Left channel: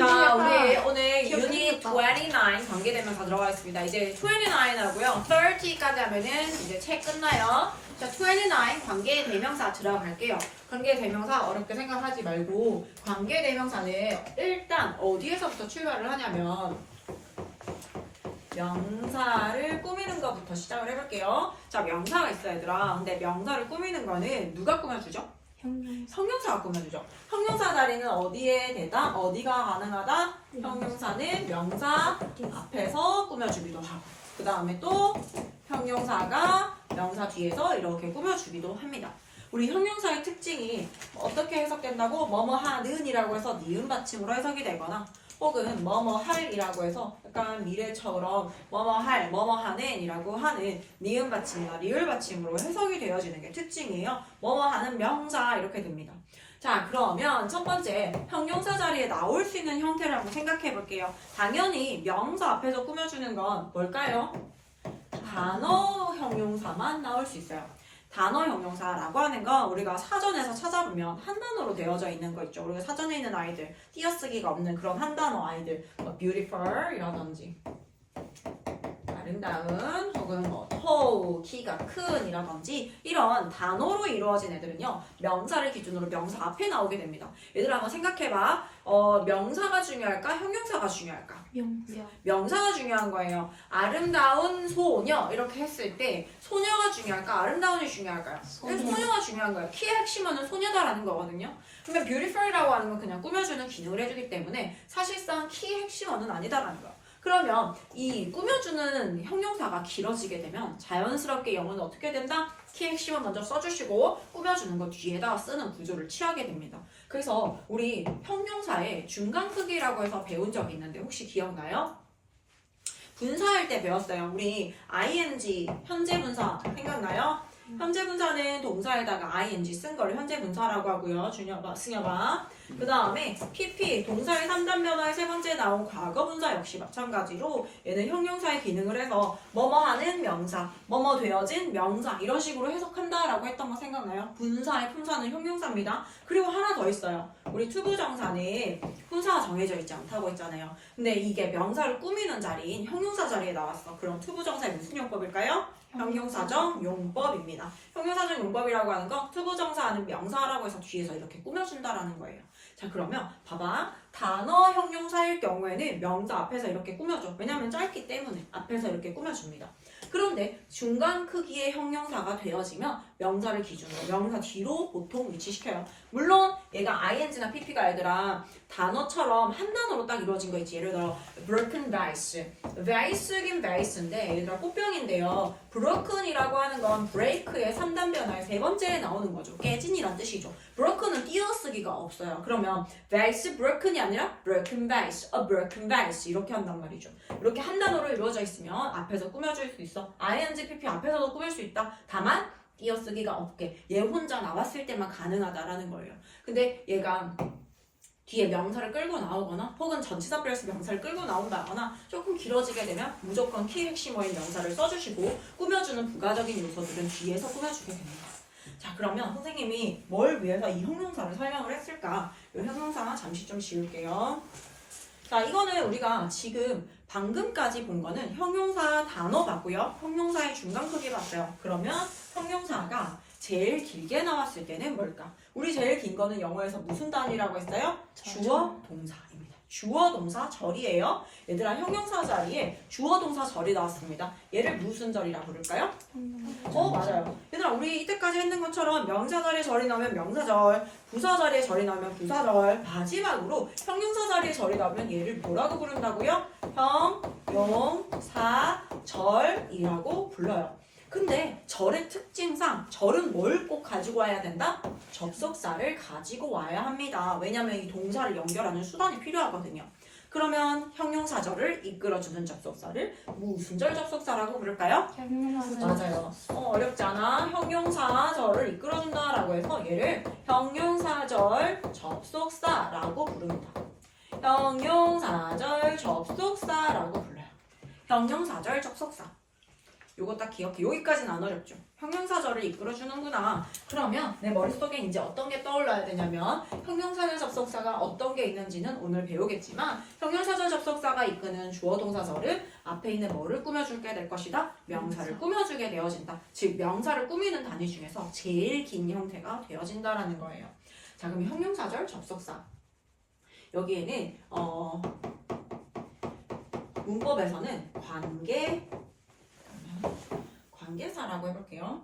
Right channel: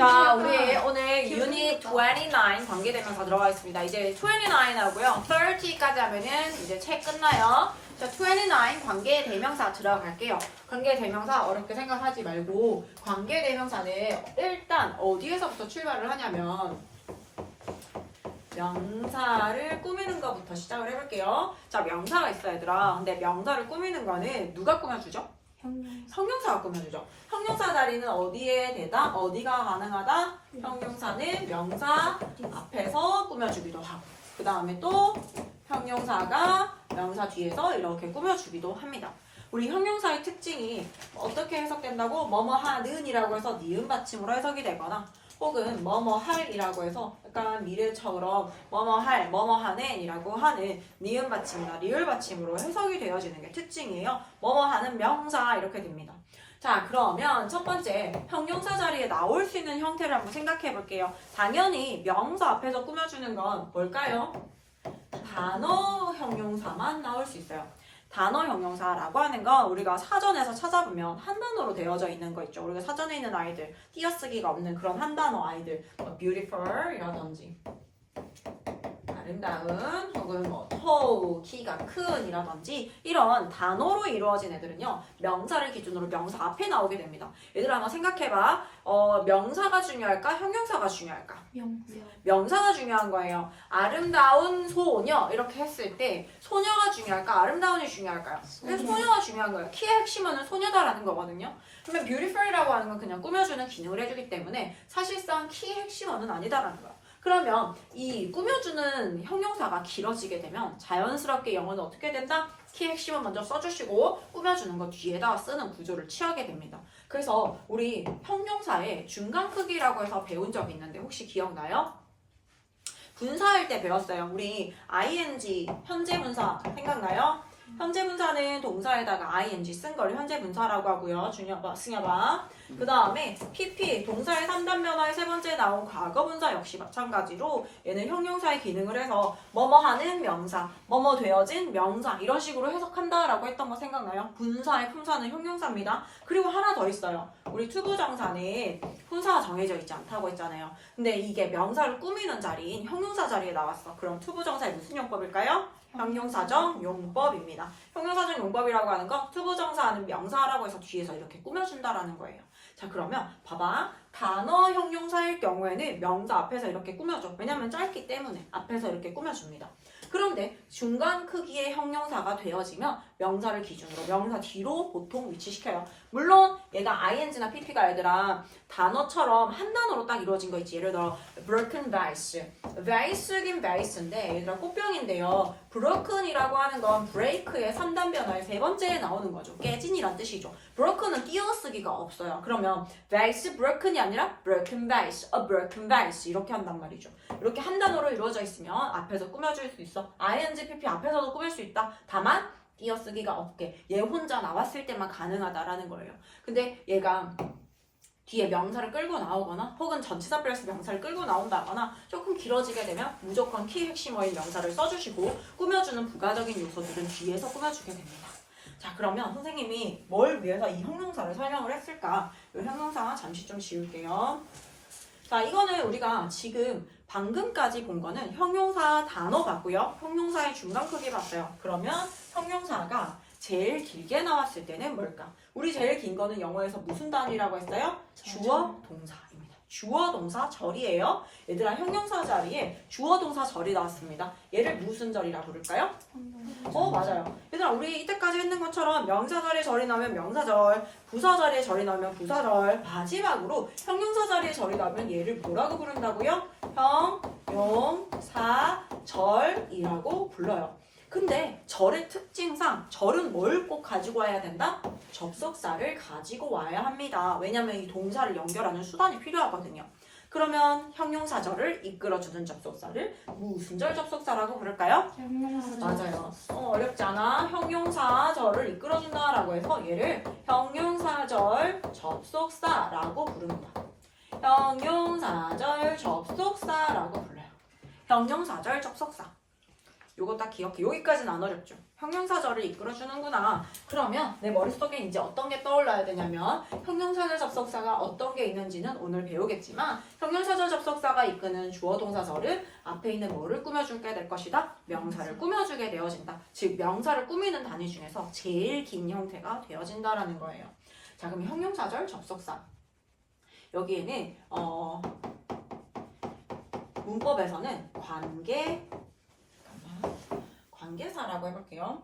자, 우리 오늘 유닛 29 관계대명사 들어가 있습니다. 이제 29하고요. 30까지 하면은 이제 책 끝나요. 자, 29 관계대명사 들어갈게요. 관계대명사 어렵게 생각하지 말고 관계대명사는 일단 어디에서부터 출발을 하냐면 명사를 꾸미는 것부터 시작을 해볼게요. 자, 명사가 있어 얘들아. 근데 명사를 꾸미는 거는 누가 꾸며주죠? 형용사가 꾸며주죠. 형용사 자리는 어디에 대다? 어디가 가능하다? 형용사는 명사 앞에서 꾸며주기도 하고 그 다음에 또 형용사가 명사 뒤에서 이렇게 꾸며주기도 합니다. 우리 형용사의 특징이 어떻게 해석된다고? 뭐뭐 하는 이라고 해서 니은 받침으로 해석이 되거나 혹은 뭐뭐 할이라고 해서 약간 미래처럼 뭐뭐 할, 뭐뭐 하는 이라고 하는 니은 받침이나 리을 받침으로 해석이 되어지는 게 특징이에요. 뭐뭐 하는 명사 이렇게 됩니다. 자, 그러면 첫 번째 형용사 자리에 나올 수 있는 형태를 한번 생각해 볼게요. 당연히 명사 앞에서 꾸며주는 건 뭘까요? 단어 형용사만 나올 수 있어요. 단어 형용사라고 하는 건 우리가 사전에서 찾아보면 한 단어로 되어져 있는 거 있죠. 우리가 사전에 있는 아이들, 띄어쓰기가 없는 그런 한 단어 아이들, beautiful 이라든지 아름다운 혹은 뭐 tall, 키가 큰 이라든지 이런 단어로 이루어진 애들은요. 명사를 기준으로 명사 앞에 나오게 됩니다. 얘들아 한번 생각해봐. 명사가 중요할까? 형용사가 중요할까? 명사가 중요한 거예요. 아름다운 소녀 이렇게 했을 때 소녀가 중요할까? 아름다운이 중요할까요? 소녀가 중요한 거예요. 키의 핵심은 소녀다라는 거거든요. 그러면 beautiful이라고 하는 건 그냥 꾸며주는 기능을 해주기 때문에 사실상 키의 핵심어는 아니다라는 거예요. 그러면 이 꾸며주는 형용사가 길어지게 되면 자연스럽게 영어는 어떻게 된다? 키 핵심을 먼저 써주시고 꾸며주는 거 뒤에다 쓰는 구조를 취하게 됩니다. 그래서 우리 형용사의 중간 크기라고 해서 배운 적이 있는데 혹시 기억나요? 분사할 때 배웠어요. 우리 ing, 현재 분사 생각나요? 현재 분사는 동사에다가 ing 쓴 걸 현재 분사라고 하고요. 승엽아. 그 다음에 pp, 동사의 3단 변화의 세 번째 나온 과거 분사 역시 마찬가지로 얘는 형용사의 기능을 해서 뭐뭐 하는 명사, 뭐뭐 되어진 명사 이런 식으로 해석한다라고 했던 거 생각나요? 분사의 품사는 형용사입니다. 그리고 하나 더 있어요. 우리 투부정사는 품사가 정해져 있지 않다고 했잖아요. 근데 이게 명사를 꾸미는 자리인 형용사 자리에 나왔어. 그럼 투부정사의 무슨 용법일까요? 형용사적 용법입니다. 형용사적 용법이라고 하는 건 투부정사하는 명사라고 해서 뒤에서 이렇게 꾸며준다라는 거예요. 자, 그러면 봐봐. 단어 형용사일 경우에는 명사 앞에서 이렇게 꾸며줘. 왜냐면 짧기 때문에 앞에서 이렇게 꾸며줍니다. 그런데 중간 크기의 형용사가 되어지면 명사를 기준으로 명사 뒤로 보통 위치시켜요. 물론 얘가 ing나 pp가 얘들아 단어처럼 한 단어로 딱 이루어진 거 있지. 예를 들어 broken vase. vase긴 vase인데 얘들아 꽃병인데요. broken이라고 하는 건 break의 3단 변화의 세 번째에 나오는 거죠. 깨진이란 뜻이죠. broken은 띄어쓰기가 없어요. 그러면 vase broken이 아니라 broken vase, a broken vase 이렇게 한단 말이죠. 이렇게 한 단어로 이루어져 있으면 앞에서 꾸며줄 수 있어. ing, pp 앞에서도 꾸밀 수 있다. 다만 띄어쓰기가 없게 얘 혼자 나왔을 때만 가능하다라는 거예요. 근데 얘가 뒤에 명사를 끌고 나오거나 혹은 전치사 플러스 명사를 끌고 나온다거나 조금 길어지게 되면 무조건 키 핵심어인 명사를 써주시고 꾸며주는 부가적인 요소들은 뒤에서 꾸며주게 됩니다. 자, 그러면 선생님이 뭘 위해서 이 형용사를 설명을 했을까? 이 형용사 잠시 좀 지울게요. 자, 이거는 우리가 지금 방금까지 본 거는 형용사 단어 봤고요. 형용사의 중간 크기 봤어요. 그러면 형용사가 제일 길게 나왔을 때는 뭘까? 우리 제일 긴 거는 영어에서 무슨 단위라고 했어요? 주어, 동사입니다. 주어, 동사, 절이에요. 얘들아, 형용사 자리에 주어, 동사, 절이 나왔습니다. 얘를 무슨 절이라고 부를까요? 맞아요. 얘들아, 우리 이때까지 했는 것처럼 명사 자리에 절이 나오면 명사절, 부사 자리에 절이 나오면 부사절, 마지막으로 형용사 자리에 절이 나오면 얘를 뭐라고 부른다고요? 형용사절이라고 불러요. 근데 절의 특징상 절은 뭘 꼭 가지고 와야 된다? 접속사를 가지고 와야 합니다. 왜냐면 이 동사를 연결하는 수단이 필요하거든요. 그러면 형용사절을 이끌어주는 접속사를 무슨 절 접속사라고 부를까요? 맞아요. 어렵지 않아. 형용사절을 이끌어준다라고 해서 얘를 형용사절 접속사라고 부릅니다. 형용사절 접속사라고 불러요. 형용사절 접속사. 요거 딱 기억해. 여기까지는 안 어렵죠. 형용사절을 이끌어주는구나. 그러면 내 머릿속에 이제 어떤 게 떠올라야 되냐면 형용사절 접속사가 어떤 게 있는지는 오늘 배우겠지만 형용사절 접속사가 이끄는 주어 동사절은 앞에 있는 뭐를 꾸며주게 될 것이다? 명사를 꾸며주게 되어진다. 즉 명사를 꾸미는 단위 중에서 제일 긴 형태가 되어진다라는 거예요. 자, 그럼 형용사절 접속사. 여기에는 문법에서는 관계사라고 해볼게요.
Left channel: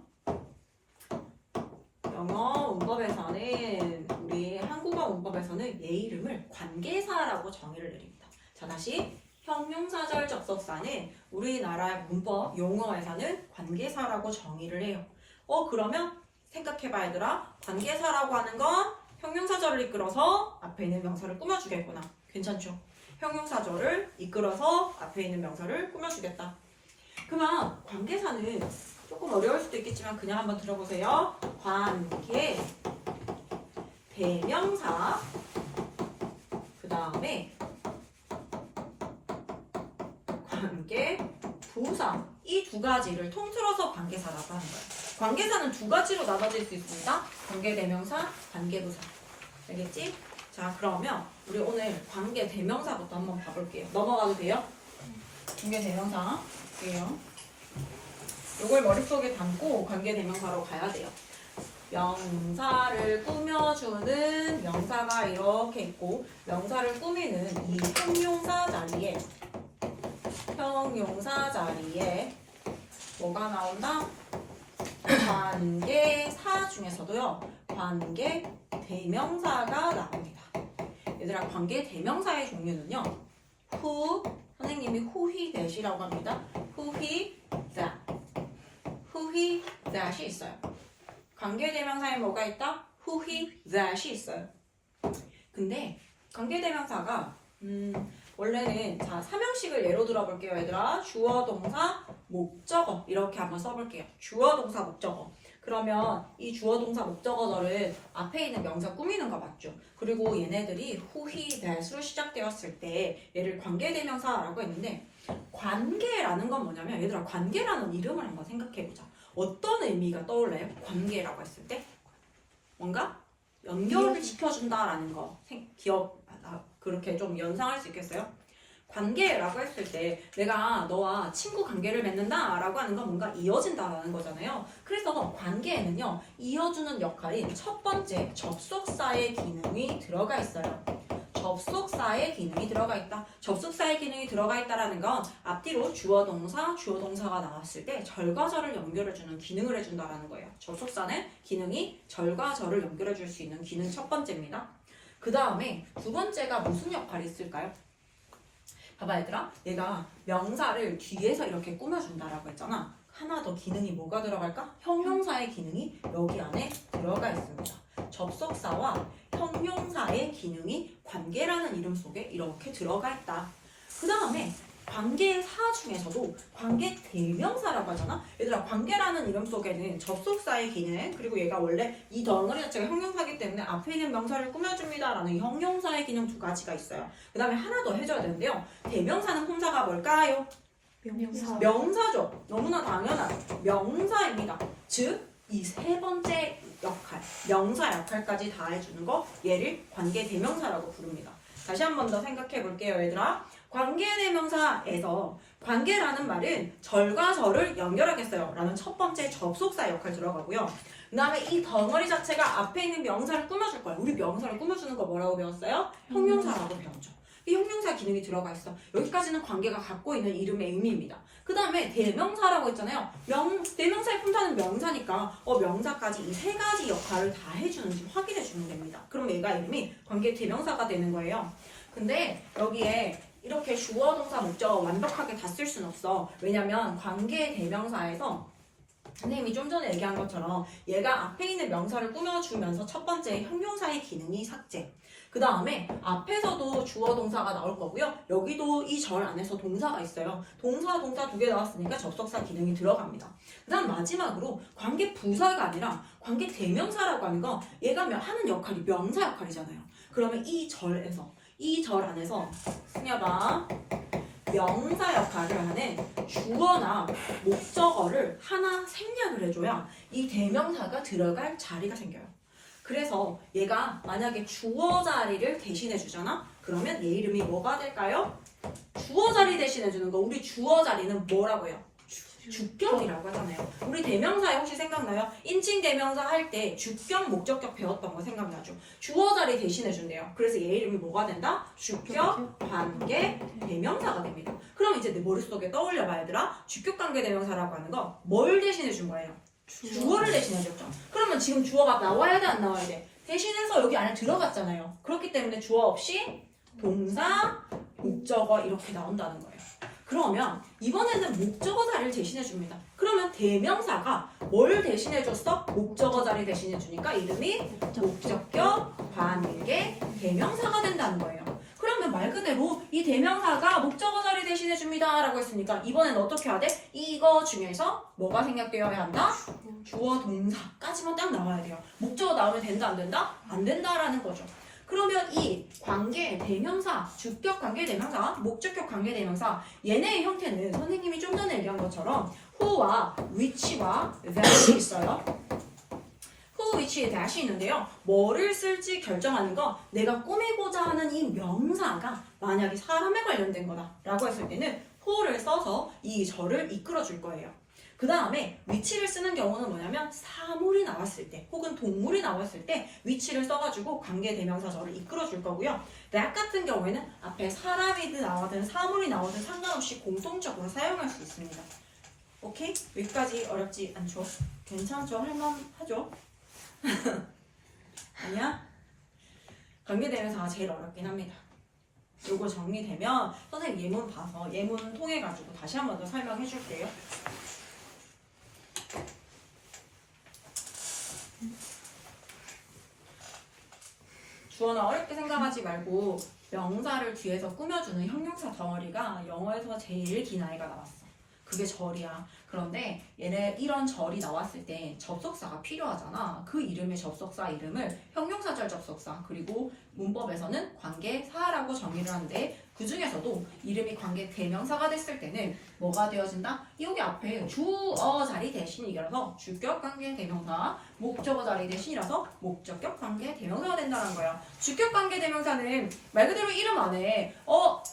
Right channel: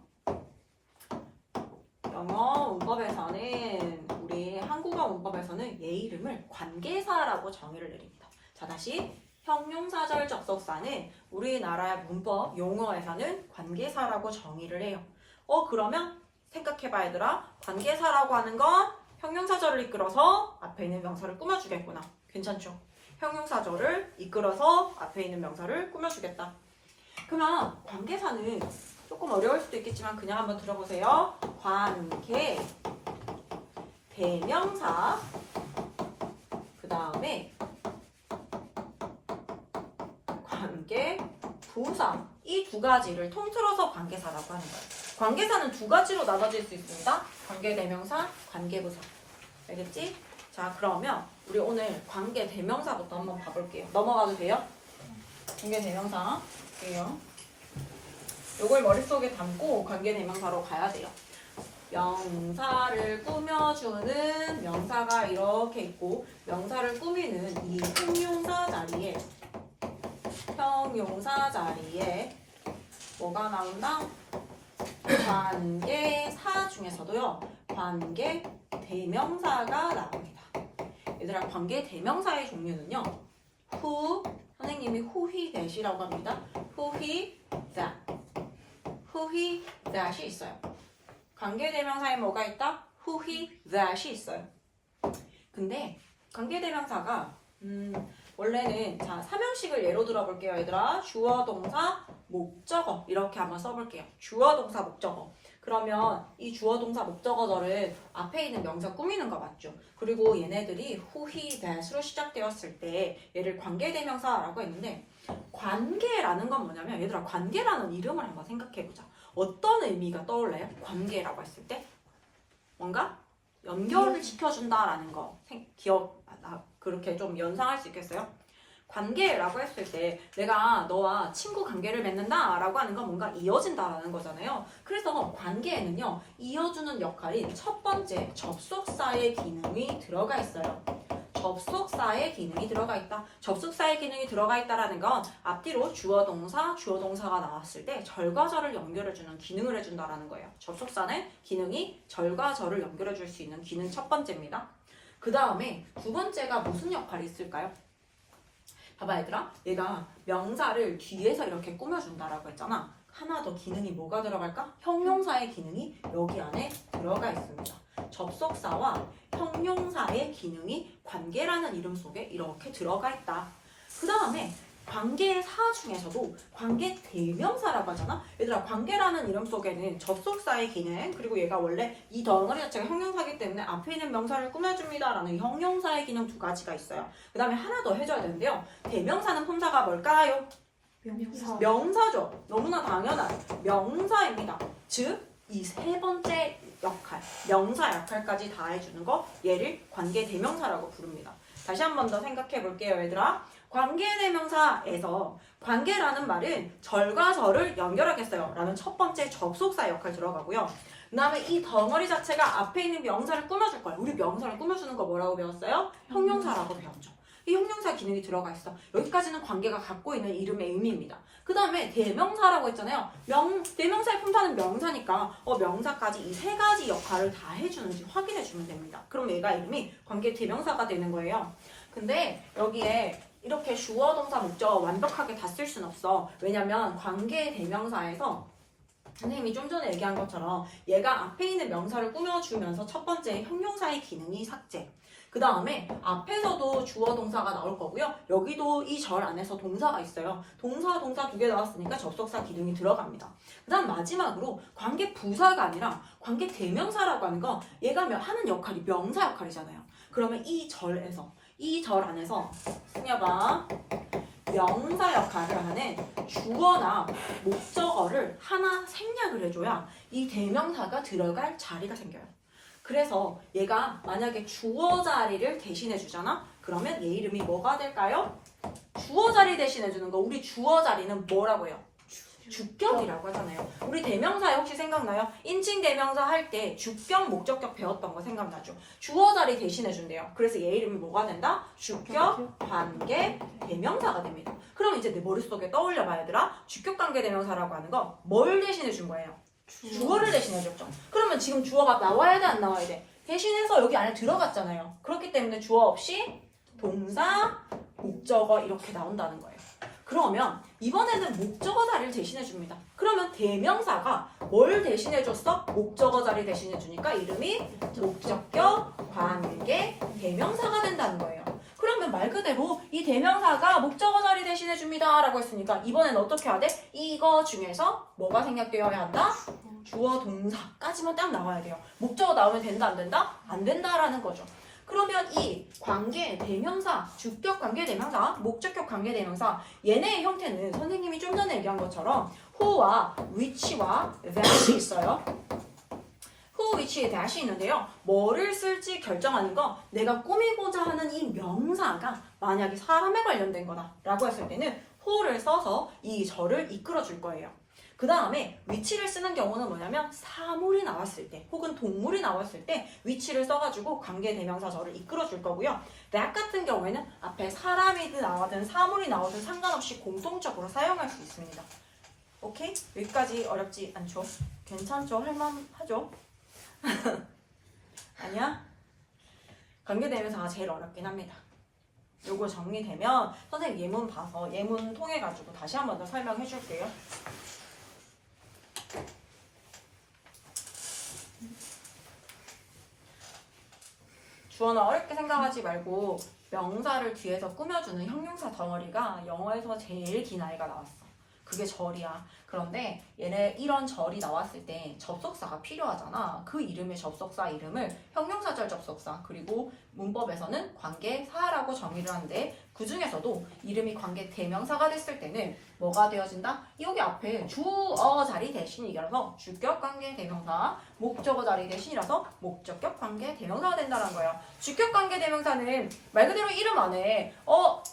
영어 문법에서는 우리 한국어 문법에서는 얘 이름을 관계사라고 정의를 내립니다. 자, 다시 형용사절 접속사는 우리나라 문법 용어에서는 관계사라고 정의를 해요. 그러면 생각해봐 얘들아. 관계사라고 하는 건 형용사절을 이끌어서 앞에 있는 명사를 꾸며주겠구나. 괜찮죠? 형용사절을 이끌어서 앞에 있는 명사를 꾸며주겠다. 그러면 관계사는 조금 어려울 수도 있겠지만 그냥 한번 들어보세요. 관계, 대명사, 그 다음에 관계, 부사. 이 두 가지를 통틀어서 관계사라고 하는 거예요. 관계사는 두 가지로 나눠질 수 있습니다. 관계대명사, 관계부사. 알겠지? 자, 그러면 우리 오늘 관계대명사부터 한번 봐볼게요. 넘어가도 돼요? 관계대명사. 볼게요. 요걸 머릿속에 담고 관계대명사로 가야 돼요. 명사를 꾸며주는 명사가 이렇게 있고 명사를 꾸미는 이 형용사 자리에 뭐가 나온다? 관계사 중에서도요. 관계대명사가 나옵니다. 얘들아, 관계대명사의 종류는요. 선생님이 who, that이라고 합니다. who, that이 있어요. 관계대명사에 뭐가 있다? who, that이 있어요. 근데 관계대명사가 원래는 자, 3형식을 예로 들어볼게요. 얘들아, 주어, 동사, 목적어 이렇게 한번 써볼게요. 주어, 동사, 목적어. 그러면 이 주어, 동사, 목적어들은 앞에 있는 명사 꾸미는 거 맞죠? 그리고 얘네들이 who, that으로 시작되었을 때 얘를 관계대명사라고 했는데 관계라는 건 뭐냐면 얘들아, 관계라는 이름을 한번 생각해보자. 어떤 의미가 떠올라요? 관계라고 했을 때 뭔가 연결을 시켜준다라는 거 그렇게 좀 연상할 수 있겠어요? 관계라고 했을 때 내가 너와 친구 관계를 맺는다 라고 하는 건 뭔가 이어진다라는 거잖아요. 그래서 관계에는요, 이어주는 역할인 첫 번째 접속사의 기능이 들어가 있어요. 접속사의 기능이 들어가 있다. 접속사의 기능이 들어가 있다라는 건 앞뒤로 주어 동사가 나왔을 때 절과 절을 연결해주는 기능을 해준다라는 거예요. 접속사는 기능이 절과 절을 연결해줄 수 있는 기능 첫 번째입니다. 그 다음에 두 번째가 무슨 역할이 있을까요? 봐봐 얘들아, 내가 명사를 뒤에서 이렇게 꾸며준다라고 했잖아. 하나 더 기능이 뭐가 들어갈까? 형용사의 기능이 여기 안에 들어가 있습니다. 접속사와 형용사의 기능이 관계라는 이름 속에 이렇게 들어가 있다. 그 다음에 관계사 중에서도 관계대명사라고 하잖아. 얘들아, 관계라는 이름 속에는 접속사의 기능, 그리고 얘가 원래 이 덩어리 자체가 형용사이기 때문에 앞에 있는 명사를 꾸며줍니다 라는 형용사의 기능 두 가지가 있어요. 그 다음에 하나 더 해줘야 되는데요. 대명사는 혼자가 뭘까요? 명사죠. 너무나 당연한 명사입니다. 즉 이 세 번째 역할, 명사 역할까지 다 해주는 거, 얘를 관계대명사라고 부릅니다. 다시 한 번 더 생각해 볼게요 얘들아. 관계대명사에서 관계라는 말은 절과 절을 연결하겠어요 라는 첫 번째 접속사 역할 들어가고요. 그 다음에 이 덩어리 자체가 앞에 있는 명사를 꾸며줄 거예요. 우리 명사를 꾸며주는 거 뭐라고 배웠어요? 형용사라고 배웠죠. 이 형용사 기능이 들어가 있어. 여기까지는 관계가 갖고 있는 이름의 의미입니다. 그 다음에 대명사라고 했잖아요. 대명사의 품사는 명사니까 명사까지 이 세 가지 역할을 다 해주는지 확인해 주면 됩니다. 그럼 얘가 이름이 관계 대명사가 되는 거예요. 근데 여기에 이렇게 주어, 동사, 목적어 완벽하게 다 쓸 수는 없어. 왜냐면 관계 대명사에서 선생님이 좀 전에 얘기한 것처럼 얘가 앞에 있는 명사를 꾸며주면서 첫 번째 형용사의 기능이 삭제. 그 다음에 앞에서도 주어 동사가 나올 거고요. 여기도 이 절 안에서 동사가 있어요. 동사 두 개 나왔으니까 접속사 기능이 들어갑니다. 그 다음 마지막으로 관계 부사가 아니라 관계 대명사라고 하는 거 얘가 하는 역할이 명사 역할이잖아요. 그러면 이 절 안에서 승려봐. 명사 역할을 하는 주어나 목적어를 하나 생략을 해줘야 이 대명사가 들어갈 자리가 생겨요. 그래서 얘가 만약에 주어 자리를 대신해 주잖아? 그러면 얘 이름이 뭐가 될까요? 주어 자리 대신해 주는 거. 우리 주어 자리는 뭐라고 해요? 주격이라고 하잖아요. 우리 대명사에 혹시 생각나요? 인칭 대명사 할 때 주격, 목적격 배웠던 거 생각나죠? 주어 자리 대신해 준대요. 그래서 얘 이름이 뭐가 된다? 주격, 관계, 대명사가 됩니다. 그럼 이제 내 머릿속에 떠올려봐 얘들아. 주격, 관계, 대명사라고 하는 거 뭘 대신해 준 거예요? 주어를 대신해 줬죠. 그러면 지금 주어가 나와야 돼 안 나와야 돼? 대신해서 여기 안에 들어갔잖아요. 그렇기 때문에 주어 없이 동사, 목적어 이렇게 나온다는 거예요. 그러면 이번에는 목적어 자리를 대신해 줍니다. 그러면 대명사가 뭘 대신해 줬어? 목적어 자리 대신해 주니까 이름이 목적격, 관계, 대명사가 된다는 거예요. 그러면 말 그대로 이 대명사가 목적어 자리 대신해 줍니다 라고 했으니까 이번에는 어떻게 해야 돼? 이거 중에서 뭐가 생략되어야 한다? 주어, 동사까지만 딱 나와야 돼요. 목적어 나오면 된다 안 된다? 안 된다라는 거죠. 그러면 이 관계 대명사, 주격 관계 대명사, 목적격 관계 대명사 얘네의 형태는 선생님이 좀 전에 얘기한 것처럼 who와 which와 that이 있어요. who, which, that이 있는데요. 뭐를 쓸지 결정하는 거 내가 꾸미고자 하는 이 명사가 만약에 사람에 관련된 거다라고 했을 때는 who를 써서 이 절을 이끌어 줄 거예요. 그 다음에 위치를 쓰는 경우는 뭐냐면 사물이 나왔을 때 혹은 동물이 나왔을 때 위치를 써가지고 관계대명사절을 이끌어줄 거고요. that 같은 경우에는 앞에 사람이든 나와든 사물이 나와든 상관없이 공통적으로 사용할 수 있습니다. 오케이? 여기까지 어렵지 않죠? 괜찮죠? 할만하죠? 아니야? 관계대명사가 제일 어렵긴 합니다. 요거 정리되면 선생님 예문 봐서 예문 통해가지고 다시 한 번 더 설명해 줄게요. 주어나 어렵게 생각하지 말고 명사를 뒤에서 꾸며주는 형용사 덩어리가 영어에서 제일 긴 아이가 나왔어. 그게 절이야. 그런데 얘네 이런 절이 나왔을 때 접속사가 필요하잖아. 그 이름의 접속사 이름을 형용사절 접속사 그리고 문법에서는 관계사라고 정의를 하는데 그 중에서도 이름이 관계 대명사가 됐을 때는 뭐가 되어진다? 여기 앞에 주어 자리 대신이라서 주격 관계 대명사, 목적어 자리 대신이라서 목적격 관계 대명사가 된다는 거야. 주격 관계 대명사는 말 그대로 이름 안에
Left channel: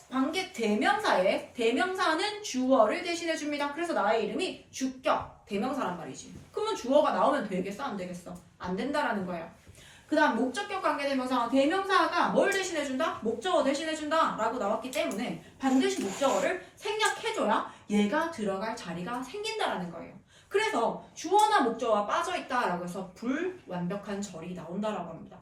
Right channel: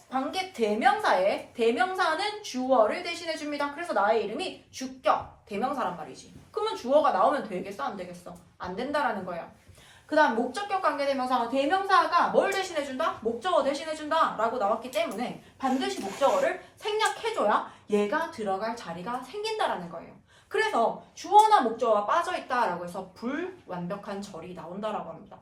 관계 대명사에 대명사는 주어를 대신해 줍니다. 그래서 나의 이름이 주격 대명사란 말이지. 그러면 주어가 나오면 되겠어? 안 되겠어? 안 된다라는 거야. 그 다음 목적격 관계대명사 대명사가 뭘 대신해준다? 목적어 대신해준다 라고 나왔기 때문에 반드시 목적어를 생략해줘야 얘가 들어갈 자리가 생긴다라는 거예요. 그래서 주어나 목적어가 빠져있다 라고 해서 불완벽한 절이 나온다라고 합니다.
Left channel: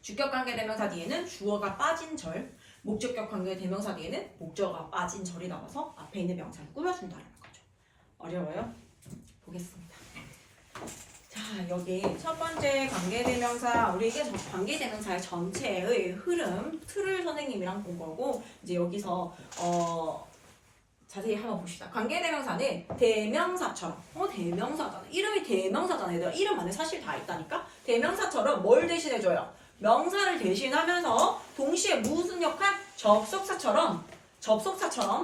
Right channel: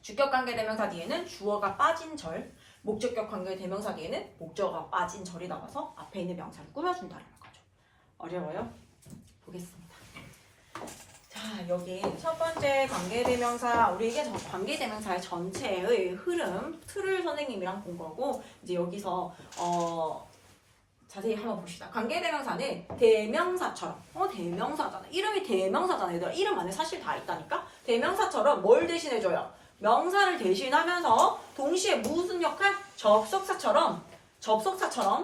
주격 관계대명사 뒤에는 주어가 빠진 절, 목적격 관계대명사 뒤에는 목적어가 빠진 절이 나와서 앞에 있는 명사를 꾸며준다는 거죠. 어려워요? 보겠습니다. 자, 여기 첫 번째 관계대명사, 우리 이게 관계대명사의 전체의 흐름, 틀을 선생님이랑 본 거고, 이제 여기서 자세히 한번 봅시다. 관계대명사는 대명사처럼, 대명사잖아. 이름이 대명사잖아. 얘들아, 이름 안에 사실 다 있다니까? 대명사처럼 뭘 대신해줘요? 명사를 대신하면서 동시에 무슨 역할? 접속사처럼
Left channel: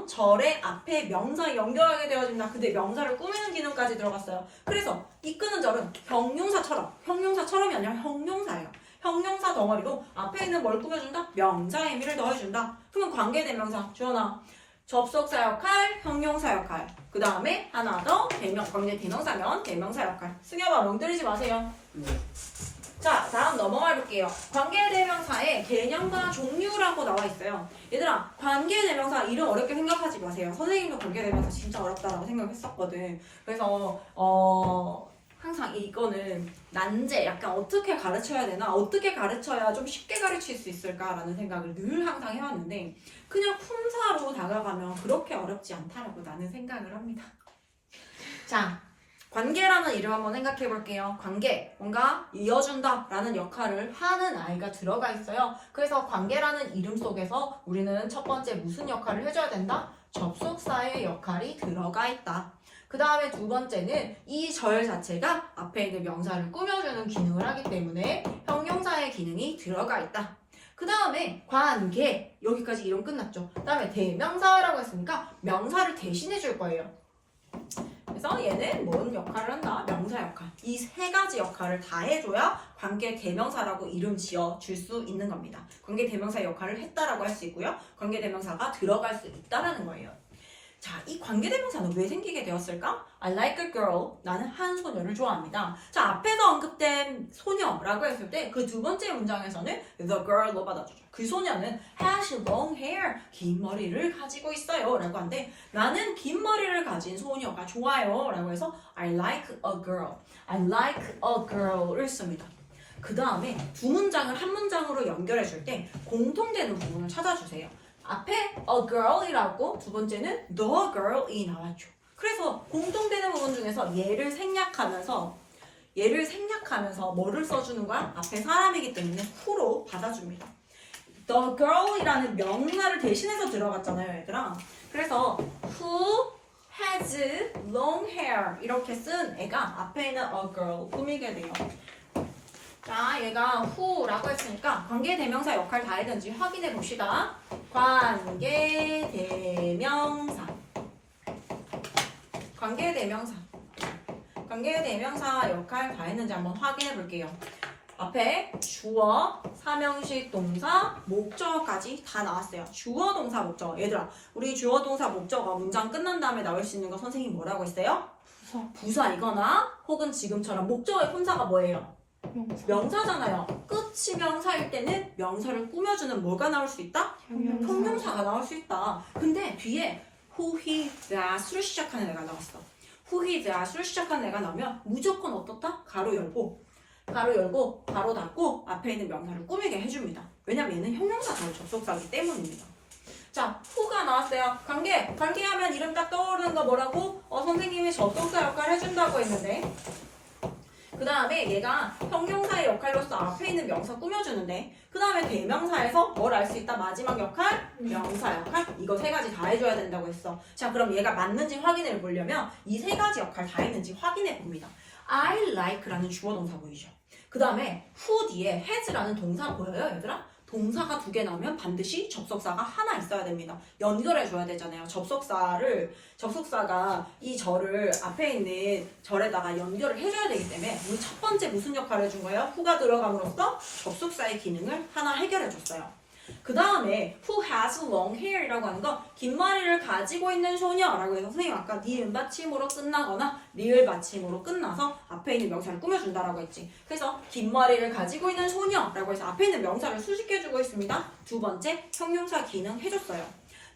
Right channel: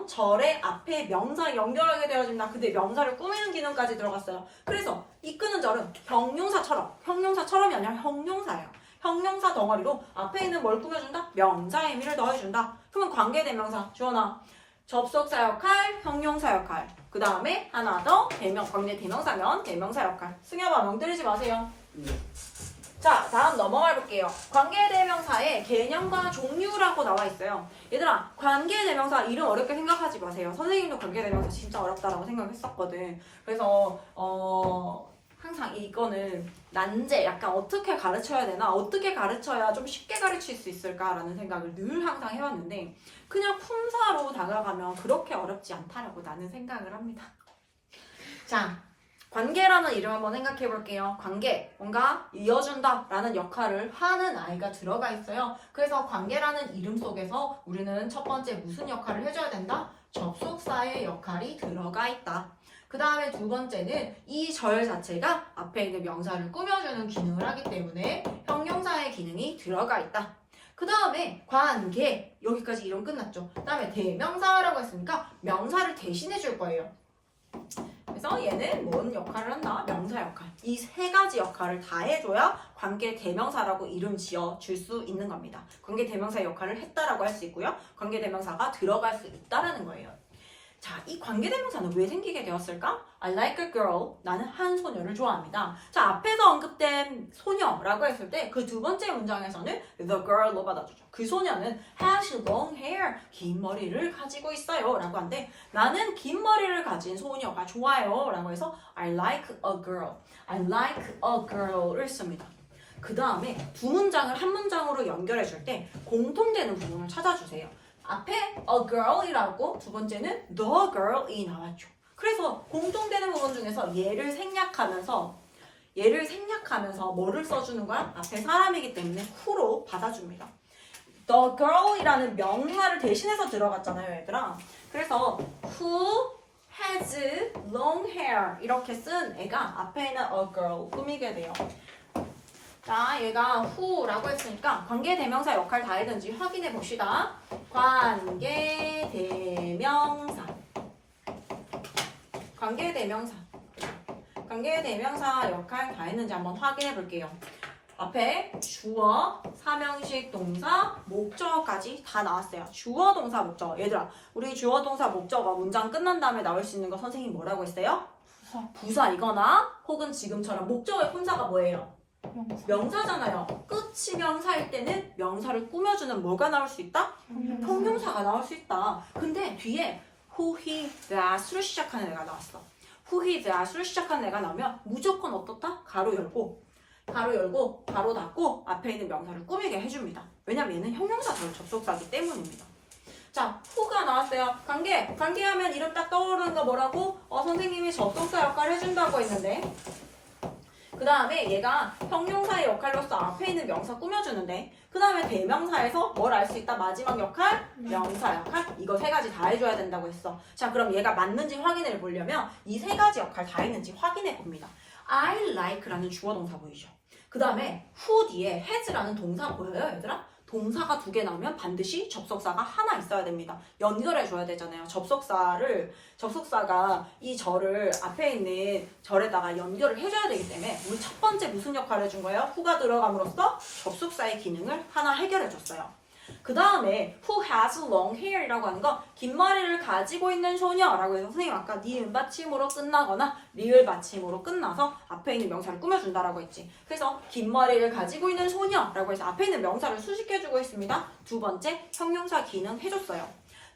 절의 앞에 명사 연결하게 되어진다. 근데 명사를 꾸미는 기능까지 들어갔어요. 그래서 이끄는 절은 형용사처럼이 아니라 형용사예요. 형용사 덩어리로 앞에 있는 뭘 꾸며준다? 명사의 의미를 넣어준다. 그러면 관계대명사 주어나 접속사 역할, 형용사 역할. 그 다음에 하나 더 관계대명사면 대명사 역할. 승엽아 명 때리지 마세요. 자, 다음 넘어가 볼게요. 관계대명사의 개념과 종류라고 나와 있어요. 얘들아, 관계대명사 이름 어렵게 생각하지 마세요. 선생님도 관계대명사 진짜 어렵다라고 생각했었거든. 그래서 항상 이거는 난제, 약간 어떻게 가르쳐야 되나? 어떻게 가르쳐야 좀 쉽게 가르칠 수 있을까라는 생각을 늘 항상 해왔는데 그냥 품사로 다가가면 그렇게 어렵지 않다라고 나는 생각을 합니다. 자, 관계라는 이름 한번 생각해 볼게요. 관계, 뭔가 이어준다 라는 역할을 하는 아이가 들어가 있어요. 그래서 관계라는 이름 속에서 우리는 첫 번째 무슨 역할을 해줘야 된다? 접속사의 역할이 들어가 있다. 그 다음에 두 번째는 이 절 자체가 앞에 있는 명사를 꾸며주는 기능을 하기 때문에 형용사의 기능이 들어가 있다. 그 다음에 관계 여기까지 이론 끝났죠. 그 다음에 대명사라고 했으니까 명사를 대신해 줄 거예요. 그래서 얘는 뭔 역할을 한다? 명사 역할. 이 세 가지 역할을 다 해줘야 관계 대명사라고 이름 지어 줄 수 있는 겁니다. 관계 대명사 역할을 했다라고 할 수 있고요. 관계 대명사가 들어갈 수 있다라는 거예요. 자, 이 관계대명사는 왜 생기게 되었을까? I like a girl. 나는 한 소녀를 좋아합니다. 자, 앞에서 언급된 소녀라고 했을 때 그 두 번째 문장에서는 the girl로 받아주죠. 그 소녀는 has long hair. 긴 머리를 가지고 있어요. 라고 하는데 나는 긴 머리를 가진 소녀가 좋아요. 라고 해서 I like a girl. I like a girl을 씁니다. 그 다음에 두 문장을 한 문장으로 연결해 줄 때 공통되는 부분을 찾아주세요. 앞에 a girl이라고 두 번째는 the girl이 나왔죠. 그래서 공통되는 부분 중에서 얘를 생략하면서 뭐를 써주는 거야? 앞에 사람이기 때문에 who로 받아줍니다. the girl이라는 명사를 대신해서 들어갔잖아요, 얘들아. 그래서 who has long hair 이렇게 쓴 애가 앞에 있는 a girl 꾸미게 돼요. 자, 얘가 who라고 했으니까 관계대명사 역할 다 했는지 확인해 봅시다. 관계대명사 역할 다 했는지 한번 확인해 볼게요. 앞에 주어, 사명식, 동사, 목적어까지 다 나왔어요. 주어, 동사, 목적어. 얘들아, 우리 주어, 동사, 목적어 문장 끝난 다음에 나올 수 있는 거 선생님이 뭐라고 했어요? 부사이거나 혹은 지금처럼 목적어의 혼자가 뭐예요? 명사잖아요. 끝이 명사일 때는 명사를 꾸며주는 뭐가 나올 수 있다? 형용사가 나올 수 있다. 근데 뒤에 who, he, that으로 시작하는 애가 나왔어. who, he, that으로 시작하는 애가 나오면 무조건 어떻다? 가로 열고 가로 닫고 앞에 있는 명사를 꾸미게 해줍니다. 왜냐면 얘는 형용사 접속사이기 때문입니다. 자, who가 나왔어요. 관계하면 이름 딱 떠오르는 거 뭐라고? 선생님이 접속사 역할을 해준다고 했는데 그 다음에 얘가 형용사의 역할로서 앞에 있는 명사 꾸며주는데 그 다음에 대명사에서 뭘 알 수 있다? 마지막 역할? 명사 역할? 이거 세 가지 다 해줘야 된다고 했어. 자, 그럼 얘가 맞는지 확인해 보려면 이 세 가지 역할 다 했는지 확인해 봅니다. I like라는 주어 동사 보이죠? 그 다음에 who 뒤에 has라는 동사 보여요, 얘들아? 동사가 두 개 나오면 반드시 접속사가 하나 있어야 됩니다. 연결해줘야 되잖아요. 접속사가 이 절을 앞에 있는 절에다가 연결을 해줘야 되기 때문에 우리 첫 번째 무슨 역할을 해준 거예요? who가 들어감으로써 접속사의 기능을 하나 해결해줬어요. 그 다음에 who has long hair이라고 하는 건 긴 머리를 가지고 있는 소녀라고 해서 선생님 아까 니은 받침으로 끝나거나 리을 받침으로 끝나서 앞에 있는 명사를 꾸며준다라고 했지. 그래서 긴 머리를 가지고 있는 소녀라고 해서 앞에 있는 명사를 수식해주고 있습니다. 두 번째 형용사 기능 해줬어요.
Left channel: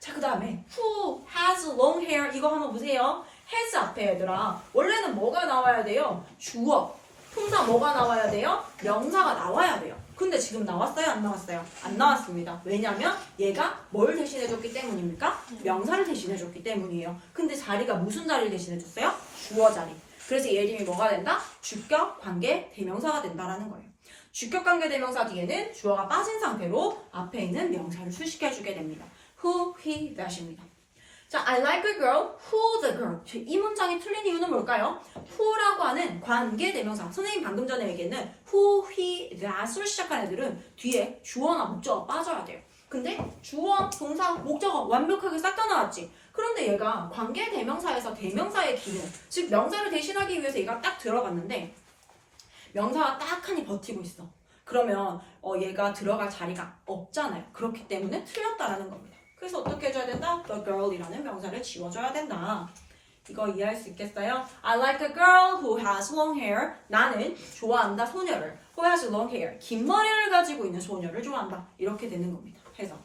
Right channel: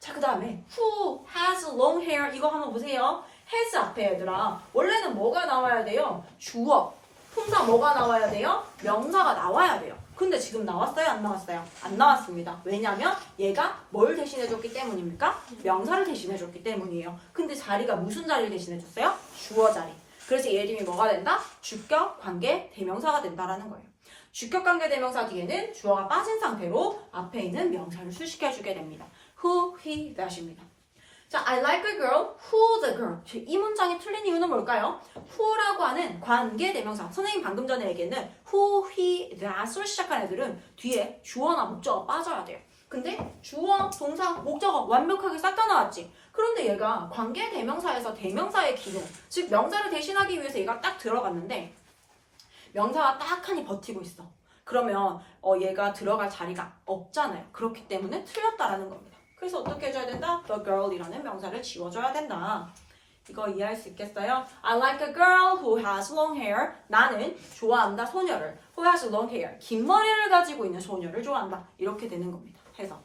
자, 그 다음에 who has long hair 이거 한번 보세요. has 앞에 얘들아 원래는 뭐가 나와야 돼요? 주어. 통상 뭐가 나와야 돼요? 명사가 나와야 돼요. 근데 지금 나왔어요? 안 나왔어요? 안 나왔습니다. 왜냐면 얘가 뭘 대신해줬기 때문입니까? 명사를 대신해줬기 때문이에요. 근데 자리가 무슨 자리를 대신해줬어요? 주어 자리. 그래서 얘 이름이 뭐가 된다? 주격, 관계, 대명사가 된다라는 거예요. 주격, 관계, 대명사 뒤에는 주어가 빠진 상태로 앞에 있는 명사를 수식해주게 됩니다. who, he, that입니다. 자, I like a girl, who the girl. 이 문장이 틀린 이유는 뭘까요? who라고 하는 관계 대명사. 선생님 방금 전에 얘기했는 who, he, that으로 시작한 애들은 뒤에 주어나 목적어가 빠져야 돼요. 근데 주어, 동사, 목적어 완벽하게 싹 다 나왔지. 그런데 얘가 관계 대명사에서 대명사의 기능, 즉 명사를 대신하기 위해서 얘가 딱 들어갔는데 명사가 딱하니 버티고 있어. 그러면 얘가 들어갈 자리가 없잖아요. 그렇기 때문에 틀렸다라는 겁니다. 그래서 어떻게 해줘야 된다? The girl이라는 명사를 지워줘야 된다. 이거 이해할 수 있겠어요? I like a girl who has long hair. 나는 좋아한다 소녀를. Who has long hair. 긴 머리를 가지고 있는 소녀를 좋아한다. 이렇게 되는 겁니다. 해서.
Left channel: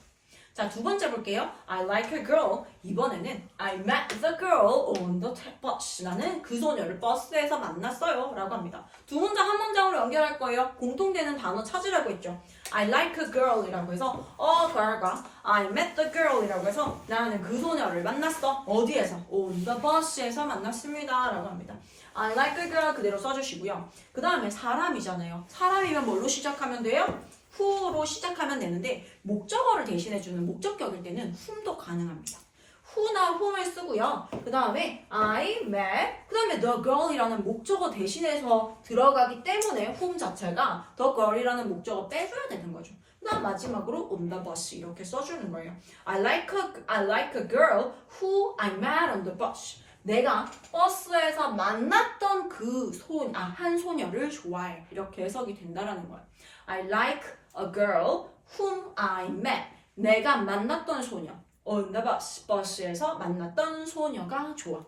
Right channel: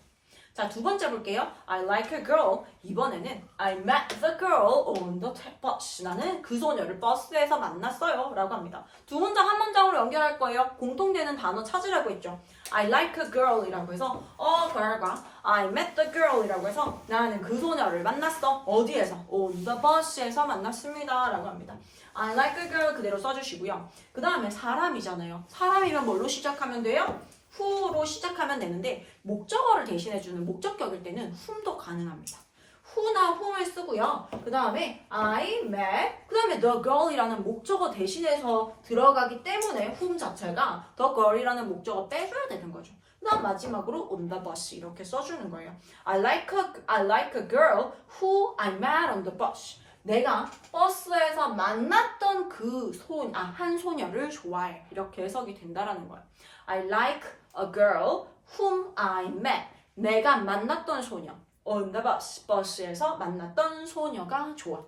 자, 두 번째 볼게요. I like a girl. 이번에는 I met the girl on the bus. 나는 그 소녀를 버스에서 만났어요. 라고 합니다. 두 문장 한 문장으로 연결할 거예요. 공통되는 단어 찾으라고 했죠. I like a girl 이라고 해서 girl과 I met the girl 이라고 해서 나는 그 소녀를 만났어. 어디에서? on the bus에서 만났습니다. 라고 합니다. I like a girl 그대로 써주시고요. 그 다음에 사람이잖아요. 사람이면 뭘로 시작하면 돼요? who로 시작하면 되는데 목적어를 대신해주는 목적격일 때는 whom도 가능합니다. who나 whom을 쓰고요. 그 다음에 I met 그 다음에 the girl이라는 목적어 대신해서 들어가기 때문에 whom 자체가 the girl이라는 목적어 빼줘야 되는 거죠. 그다음 마지막으로 on the bus 이렇게 써주는 거예요. I like a girl who I met on the bus. 내가 버스에서 만났던 한 소녀를 좋아해. 이렇게 해석이 된다라는 거예요. I like a girl whom I met. 내가 만났던 소녀. On the bus. 버스에서 만났던 소녀가 좋아.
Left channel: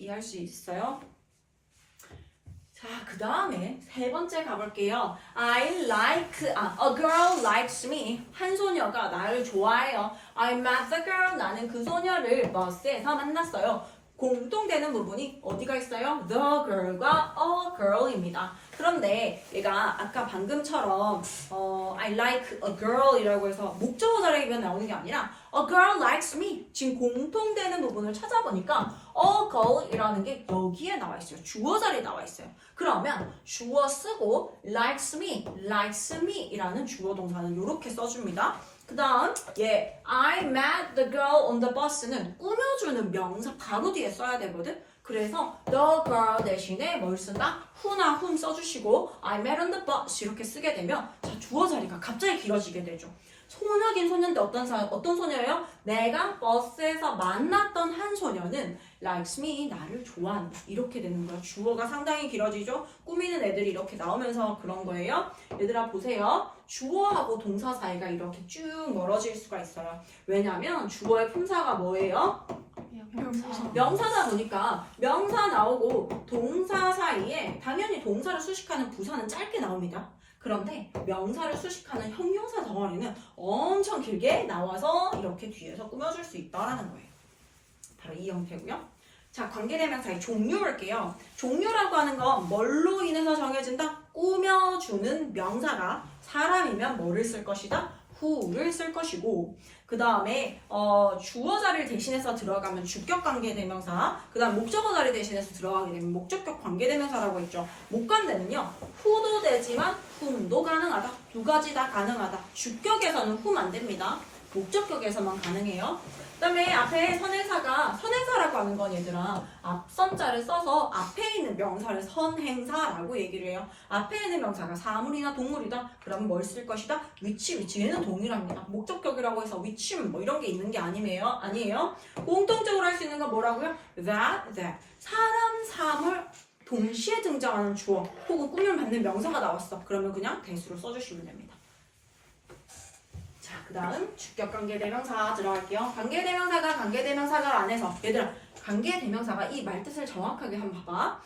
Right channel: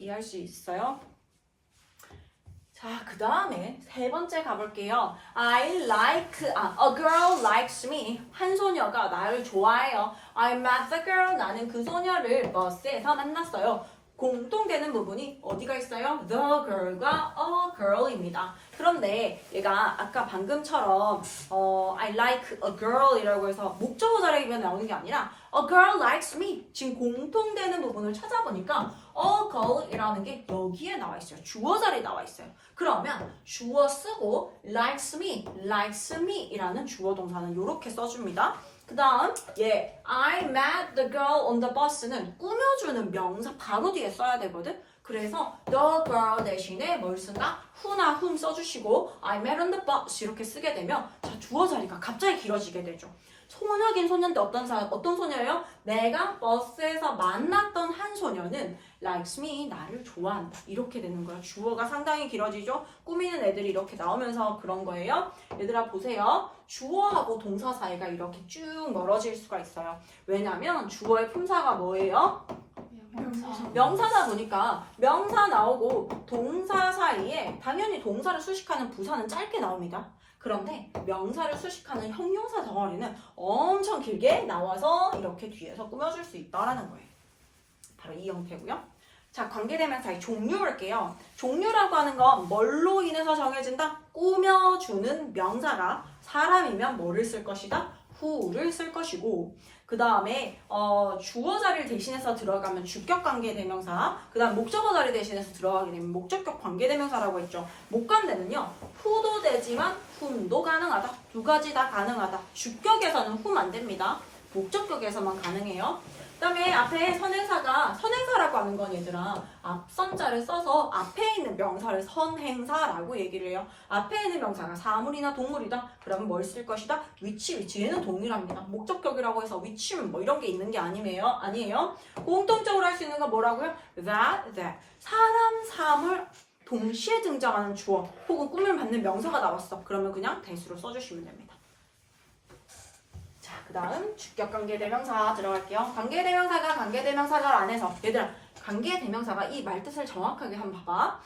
이해할 수 있어요? 자, 그 다음에 세 번째 가볼게요. a girl likes me. 한 소녀가 나를 좋아해요. I met the girl. 나는 그 소녀를 버스에서 만났어요. 공통되는 부분이 어디가 있어요? The girl과 a girl입니다. 그런데 얘가 아까 방금처럼 I like a girl이라고 해서 목적어 자리면 나오는 게 아니라 a girl likes me. 지금 공통되는 부분을 찾아보니까 a girl이라는 게 여기에 나와 있어요. 주어 자리에 나와 있어요. 그러면 주어 쓰고 likes me이라는 주어 동사는 이렇게 써줍니다. 그 다음 I met the girl on the bus는 꾸며주는 명사 바로 뒤에 써야 되거든. 그래서 the girl 대신에 뭘 쓴다? who나 whom 써주시고 I met on the bus 이렇게 쓰게 되면 자, 주어 자리가 갑자기 길어지게 되죠. 소녀긴 소녀인데 어떤 소녀예요? 내가 버스에서 만났던 한 소녀는 likes me, 나를 좋아한다. 이렇게 되는 거예요. 주어가 상당히 길어지죠? 꾸미는 애들이 이렇게 나오면서 그런 거예요. 얘들아 보세요. 주어하고 동사 사이가 이렇게 쭉 멀어질 수가 있어요. 왜냐면 주어의 품사가 뭐예요? 명사다 보니까 명사 나오고 동사 사이에 당연히 동사를 수식하는 부사는 짧게 나옵니다. 그런데 명사를 수식하는 형용사 덩어리는 엄청 길게 나와서 이렇게 뒤에서 꾸며줄 수 있다라는 거예요. 바로 이 형태고요. 자, 관계대명사의 종류 볼게요. 종류라고 하는 건 뭘로 인해서 정해진다? 꾸며주는 명사가 사람이면 뭐를 쓸 것이다? who를 쓸 것이고 그 다음에 주어 자리를 대신해서 들어가면 주격 관계대명사 그 다음 목적어 자리 대신해서 들어가게 되면 목적격 관계대명사라고 했죠. 목관대는요 who도 되지만 whom도 가능하다. 두 가지 다 가능하다. 주격에서는 whom 안 됩니다. 목적격에서만 가능해요. 그 다음에 앞에 선행사라고 하는 건 얘들아 앞선자를 써서 앞에 있는 명사를 선행사라고 얘기를 해요. 앞에 있는 명사가 사물이나 동물이다. 그러면 뭘 쓸 것이다? 위치 얘는 동일합니다. 목적격이라고 해서 위치는 뭐 이런 게 있는 게 아니에요. 공통적으로 할 수 있는 건 뭐라고요? that 사람, 사물 동시에 등장하는 주어 혹은 꾸밈 받는 명사가 나왔어. 그러면 그냥 대수로 써주시면 됩니다. 그 다음 주격관계대명사 들어갈게요. 관계대명사가 안에서 얘들아 관계대명사가 이 말뜻을 정확하게 한번 봐봐.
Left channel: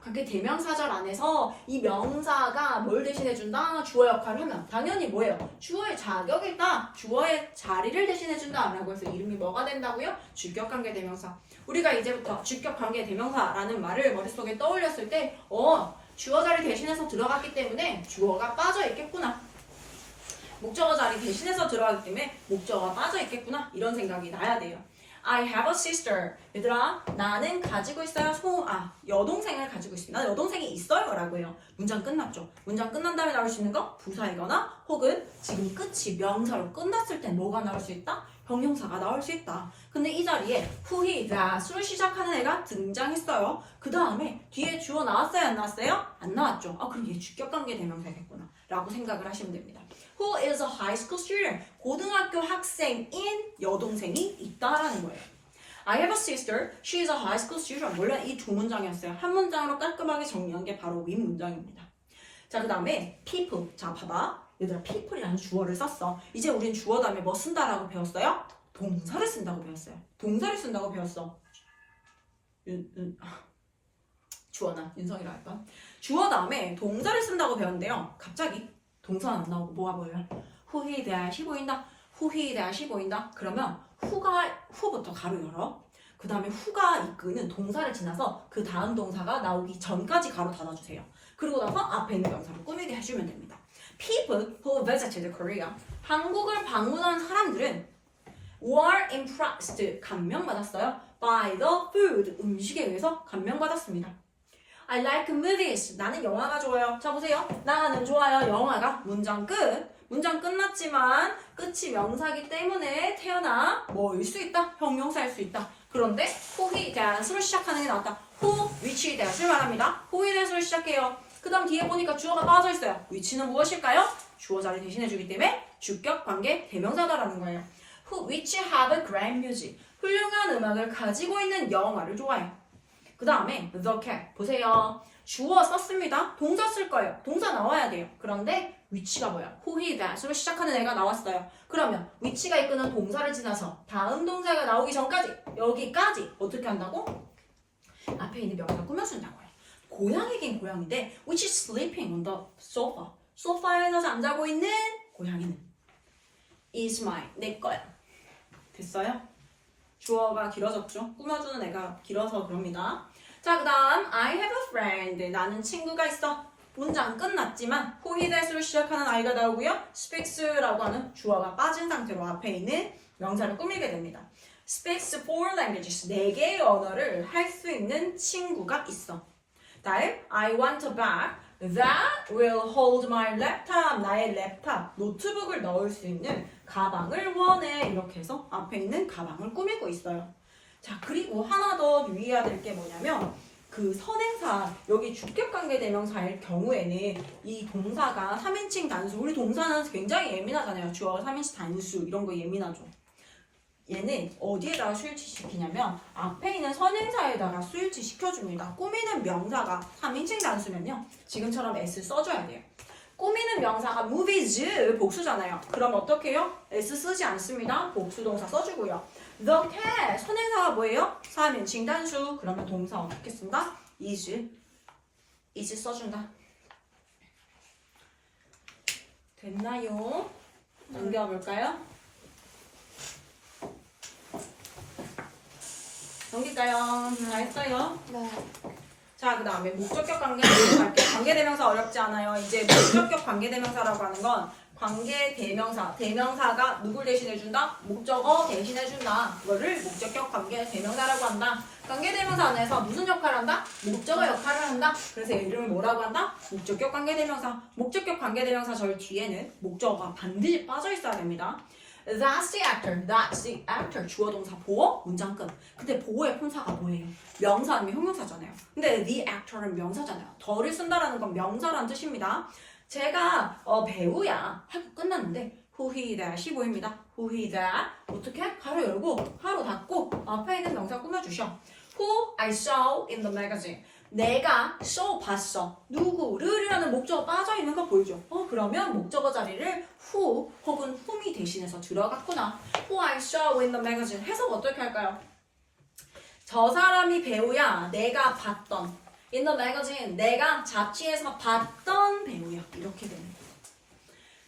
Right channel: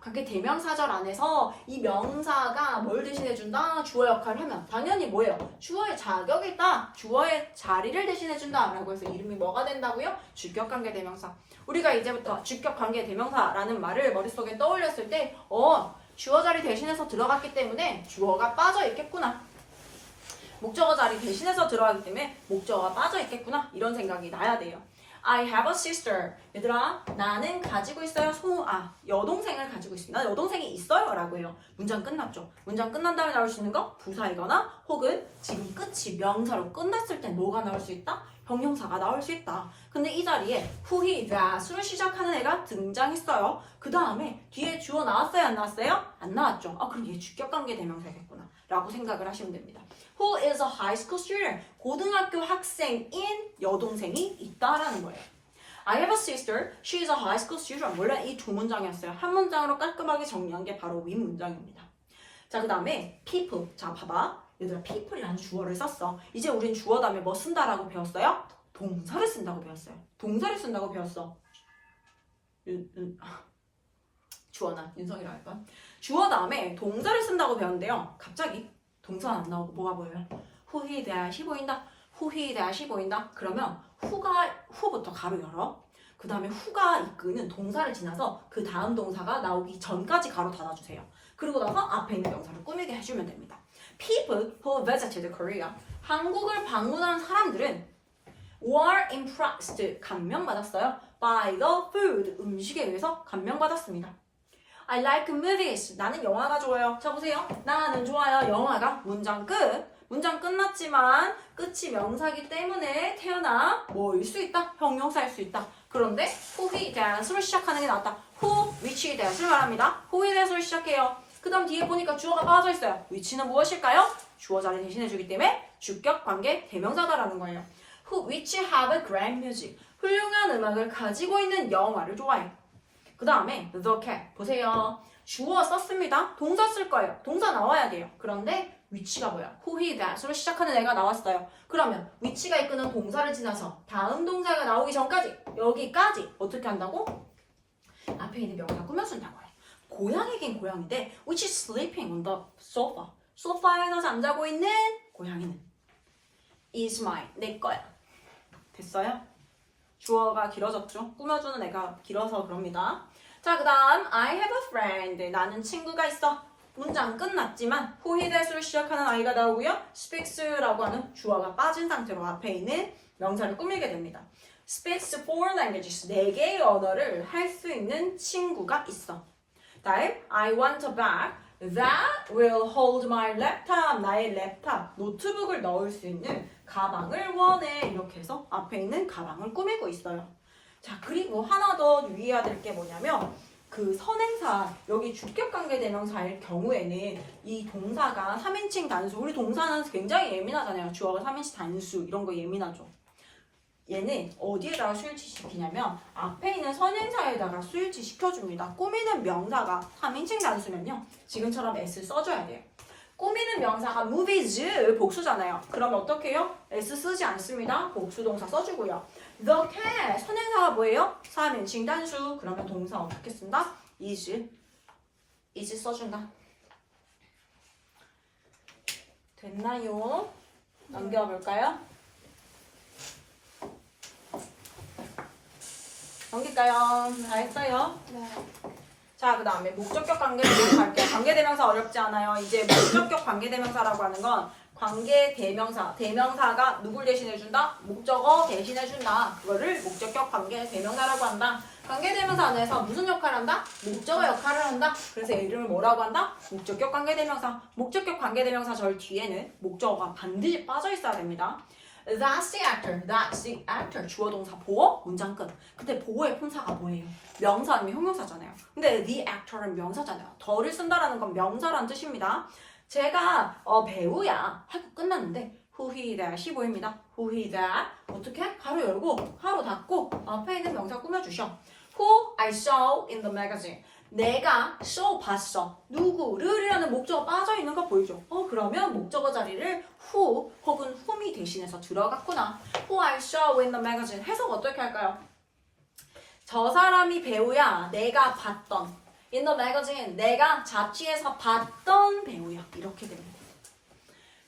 관계대명사절 안에서 이 명사가 뭘 대신해준다? 주어 역할을 하면 당연히 뭐예요? 주어의 자격이 있다. 주어의 자리를 대신해준다 라고 해서 이름이 뭐가 된다고요? 주격관계대명사. 우리가 이제부터 주격관계대명사라는 말을 머릿속에 떠올렸을 때 주어 자리 대신해서 들어갔기 때문에 주어가 빠져 있겠구나. 목적어 자리 대신해서 들어가기 때문에 목적어가 빠져있겠구나 이런 생각이 나야 돼요. I have a sister. 얘들아 나는 가지고 있어요. 여동생을 가지고 있습니다. 여동생이 있어요 라고 해요. 문장 끝났죠. 문장 끝난 다음에 나올 수 있는 거 부사이거나 혹은 지금 끝이 명사로 끝났을 땐 뭐가 나올 수 있다? 형용사가 나올 수 있다. 근데 이 자리에 who, he, that으로 시작하는 애가 등장했어요. 그 다음에 뒤에 주어 나왔어요? 안 나왔어요? 안 나왔죠. 그럼 얘 주격관계대명사겠구나 라고 생각을 하시면 됩니다. Who is a high school student? 고등학교 학생인 여동생이 있다라는 거예요. I have a sister. She is a high school student. 원래 이 두 문장이었어요. 한 문장으로 깔끔하게 정리한 게 바로 윗 문장입니다. 자, 그 다음에 people. 자, 봐봐. 얘들아 people이라는 주어를 썼어. 이제 우린 주어 다음에 뭐 쓴다라고 배웠어요? 동사를 쓴다고 배웠어요. 동사를 쓴다고 배웠어. 주어나 윤성이라 할까? 주어 다음에 동사를 쓴다고 배웠는데요. 갑자기 동사는 안 나오고 뭐가 보여요? who, he, that이 보인다. who, he, that이 보인다. 그러면 who부터 가로 열어. 그 다음에 who가 이끄는 동사를 지나서 그 다음 동사가 나오기 전까지 가로 닫아주세요. 그리고 나서 앞에 있는 명사를 꾸미게 해주면 됩니다. People who visited Korea. 한국을 방문한 사람들은 were impressed. 감명받았어요. by the food. 음식에 의해서 감명받았습니다. I like movies. 나는 영화가 좋아요. 자 보세요. 나는 좋아요. 영화가 문장 끝. 문장 끝났지만 끝이 명사기 때문에 태어나 뭐일 수 있다? 형용사일 수 있다. 그런데 who, he, that으로 시작하는 게 나왔다. who, which, that을 말합니다. who, he, that으로 시작해요. 그 다음 뒤에 보니까 주어가 빠져 있어요. which는 무엇일까요? 주어 자리 대신해주기 때문에 주격 관계 대명사다라는 거예요. which have a grand music. 훌륭한 음악을 가지고 있는 영화를 좋아해요. 그 다음에 the cat. 보세요. 주어 썼습니다. 동사 쓸 거예요. 동사 나와야 돼요. 그런데 which가 뭐야? who, he, that으로 시작하는 애가 나왔어요. 그러면 which가 이끄는 동사를 지나서 다음 동사가 나오기 전까지 여기까지 어떻게 한다고? 앞에 있는 명사 꾸며준다고 해요. 고양이긴 고양인데 which is sleeping on the sofa. 소파에서 잠자고 있는 고양이는 is mine. 내 거야. 됐어요? 주어가 길어졌죠? 꾸며주는 애가 길어서 그럽니다. 자, 그 다음 I have a friend. 나는 친구가 있어. 문장 끝났지만 who, he, that으로 시작하는 아이가 나오고요. speaks라고 하는 주어가 빠진 상태로 앞에 있는 명사를 꾸미게 됩니다. speaks 4 languages. 4개의 언어를 할 수 있는 친구가 있어. 다음 I want a bag that will hold my laptop. 나의 랩탑, 노트북을 넣을 수 있는 가방을 원해. 이렇게 해서 앞에 있는 가방을 꾸미고 있어요. 자, 그리고 하나 더 유의해야 될 게 뭐냐면 그 선행사, 여기 주격관계 대명사일 경우에는 이 동사가 3인칭 단수, 우리 동사는 굉장히 예민하잖아요. 주어가 3인칭 단수 이런 거 예민하죠. 얘는 어디에다가 수일치시키냐면 앞에 있는 선행사에다가 수일치 시켜줍니다. 꾸미는 명사가 3인칭 단수면요. 지금처럼 S 써줘야 돼요. 꾸미는 명사가 movies 복수잖아요. 그럼 어떻게 해요? S 쓰지 않습니다. 복수동사 써주고요. The cat 선행사가 뭐예요? 3인칭 단수. 그러면 동사 어떻게 쓴다? is 써준다. 됐나요? 넘겨볼까요? 넘길까요? 다 했어요? 네. 자, 그 다음에 목적격 관계대명사 할게요. 관계대명사 어렵지 않아요. 이제 목적격 관계대명사라고 하는 건 관계대명사, 대명사가 누굴 대신해준다? 목적어 대신해준다. 그거를 목적격 관계대명사라고 한다. 관계대명사 안에서 무슨 역할을 한다? 목적어 역할을 한다. 그래서 얘 이름을 뭐라고 한다? 목적격 관계대명사. 목적격 관계대명사 절 뒤에는 목적어가 반드시 빠져 있어야 됩니다. That's the actor. That's the actor. 주어 동사 보어 문장 끝. 근데 보어의 품사가 뭐예요? 명사 아니면 형용사잖아요. 근데 the actor는 명사잖아요. 더를 쓴다라는 건 명사라는 뜻입니다. 제가 배우야 하고 끝났는데 who, he, that이 보입니다. who, he, that 어떻게? 가로 열고 가로 닫고 앞에 있는 명사 꾸며주셔. Who I saw in the magazine. 내가 saw 봤어. 누구를이라는 목적어 빠져있는 거 보이죠? 그러면 목적어 자리를 who 혹은 whom이 대신해서 들어갔구나. Who I saw in the magazine. 해석 어떻게 할까요? 저 사람이 배우야. 내가 봤던. In the magazine. 내가 잡지에서 봤던 배우야. 이렇게 됩니다.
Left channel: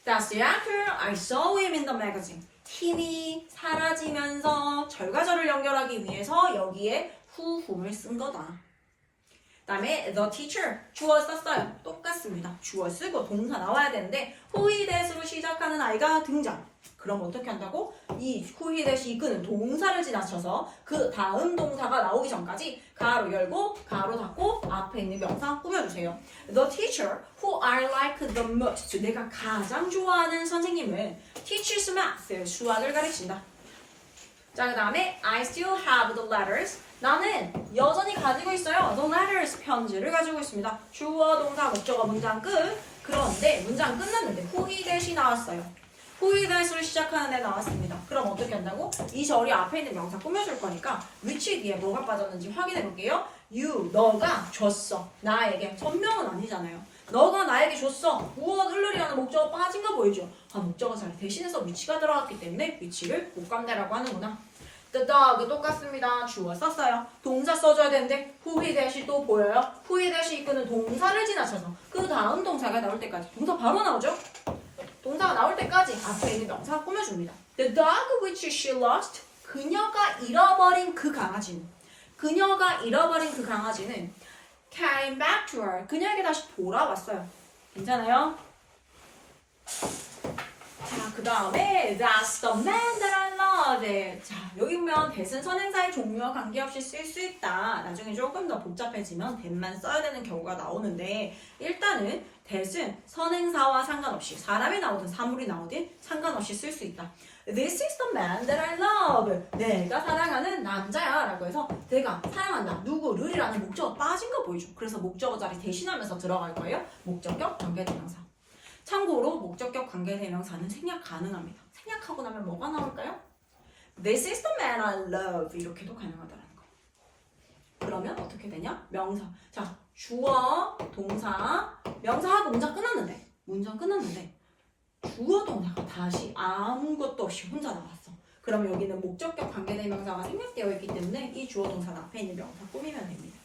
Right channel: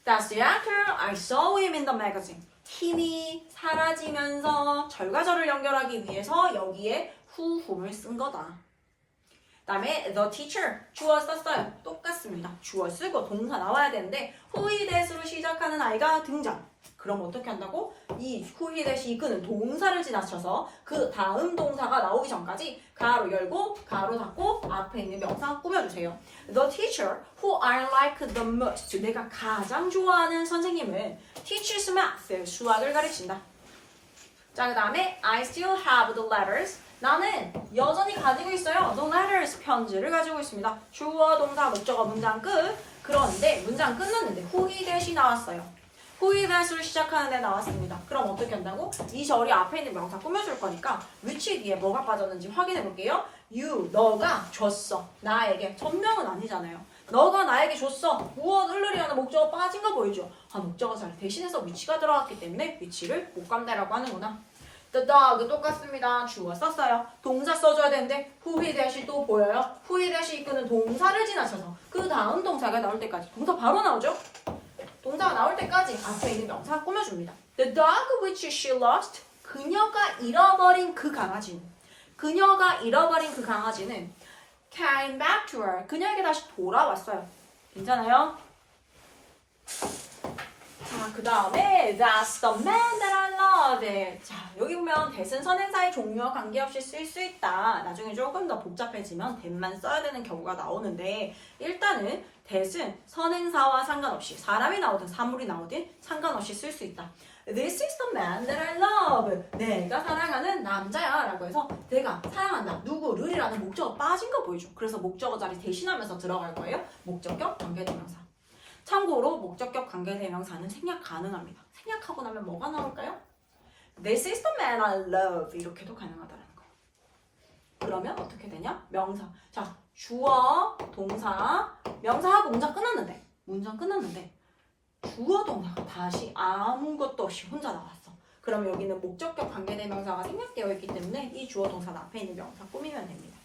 That's the actor. I saw him in the magazine. 힘이 사라지면서 절과절을 연결하기 위해서 여기에 who, whom을 쓴 거다. 다음에 the teacher 주어 썼어요. 똑같습니다. 주어 쓰고 동사 나와야 되는데 who, he, that으로 시작하는 아이가 등장. 그럼 어떻게 한다고? 이 who, he, that이 이끄는 동사를 지나쳐서 그 다음 동사가 나오기 전까지 가로 열고 가로 닫고 앞에 있는 명사 꾸며주세요. The teacher who I like the most. 내가 가장 좋아하는 선생님은 teaches math. 수학을 가르친다. 자, 그 다음에 I still have the letters. 나는 여전히 가지고 있어요. The letters 편지를 가지고 있습니다. 주어, 동사, 목적어, 문장 끝. 그런데 문장 끝났는데 who, he, that이 나왔어요. who, he, that으로 시작하는 애 나왔습니다. 그럼 어떻게 한다고? 이 절이 앞에 있는 명사 꾸며줄 거니까 which 뒤에 뭐가 빠졌는지 확인해 볼게요. You, 너가 줬어. 나에게. 전명은 아니잖아요. 너가 나에게 줬어. 무엇 흘러리라는 목적어 빠진 거 보이죠? 목적어 자리 대신해서 which가 들어갔기 때문에 which를 목감대라고 하는구나. The dog 똑같습니다. 주어 썼어요. 동사 써줘야 되는데 who, he, that이 또 보여요. who, he, that이 이끄는 동사를 지나쳐서 그 다음 동사가 나올 때까지 동사 바로 나오죠? 동사가 나올 때까지 앞에 있는 명사 꾸며줍니다. The dog which she lost. 그녀가 잃어버린 그 강아지는 came back to her. 그녀에게 다시 돌아왔어요. 괜찮아요? 자, 그 다음에 That's the man that I love. love. 자, 여기 보면 that은 선행사의 종류와 관계없이 쓸 수 있다. 나중에 조금 더 복잡해지면 that만 써야 되는 경우가 나오는데 일단은 that은 선행사와 상관없이 사람이 나오든 사물이 나오든 상관없이 쓸 수 있다. This is the man that I love. 내가 사랑하는 남자야 라고 해서 내가 사랑한다. 누구를이라는 목적어 빠진 거 보이죠? 그래서 목적어 자리 대신하면서 들어갈 거예요. 목적격 관계대명사. 참고로 목적격 관계대명사는 생략 가능합니다. 생략하고 나면 뭐가 나올까요? This is the man I love. 이렇게도 가능하다는 거. 그러면 어떻게 되냐? 명사. 자, 주어, 동사, 명사하고 문장 끝났는데 문장 끝났는데 주어 동사가 다시 아무것도 없이 혼자 나왔어. 그럼 여기는 목적격 관계대명사가 생략되어 있기 때문에 이 주어 동사 앞에 있는 명사 꾸미면 됩니다.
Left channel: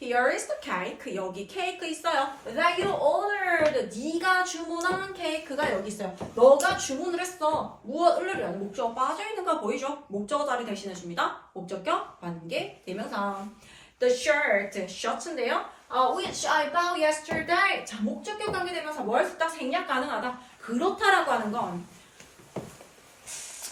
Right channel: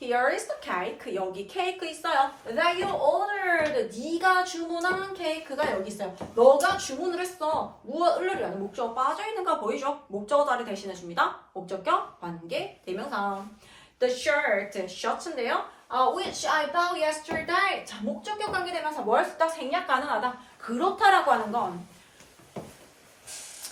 Here is the cake. 여기 케이크 있어요. That you ordered. 네가 주문한 케이크가 여기 있어요. 너가 주문을 했어. 무엇을이라는 목적어 빠져있는 거 보이죠? 목적어 자리 대신해줍니다. 목적격 관계대명사. The shirt. 셔츠인데요. Which I bought yesterday. 자, 목적격 관계대명사 뭐 할 수 있다? 생략 가능하다. 그렇다라고 하는 건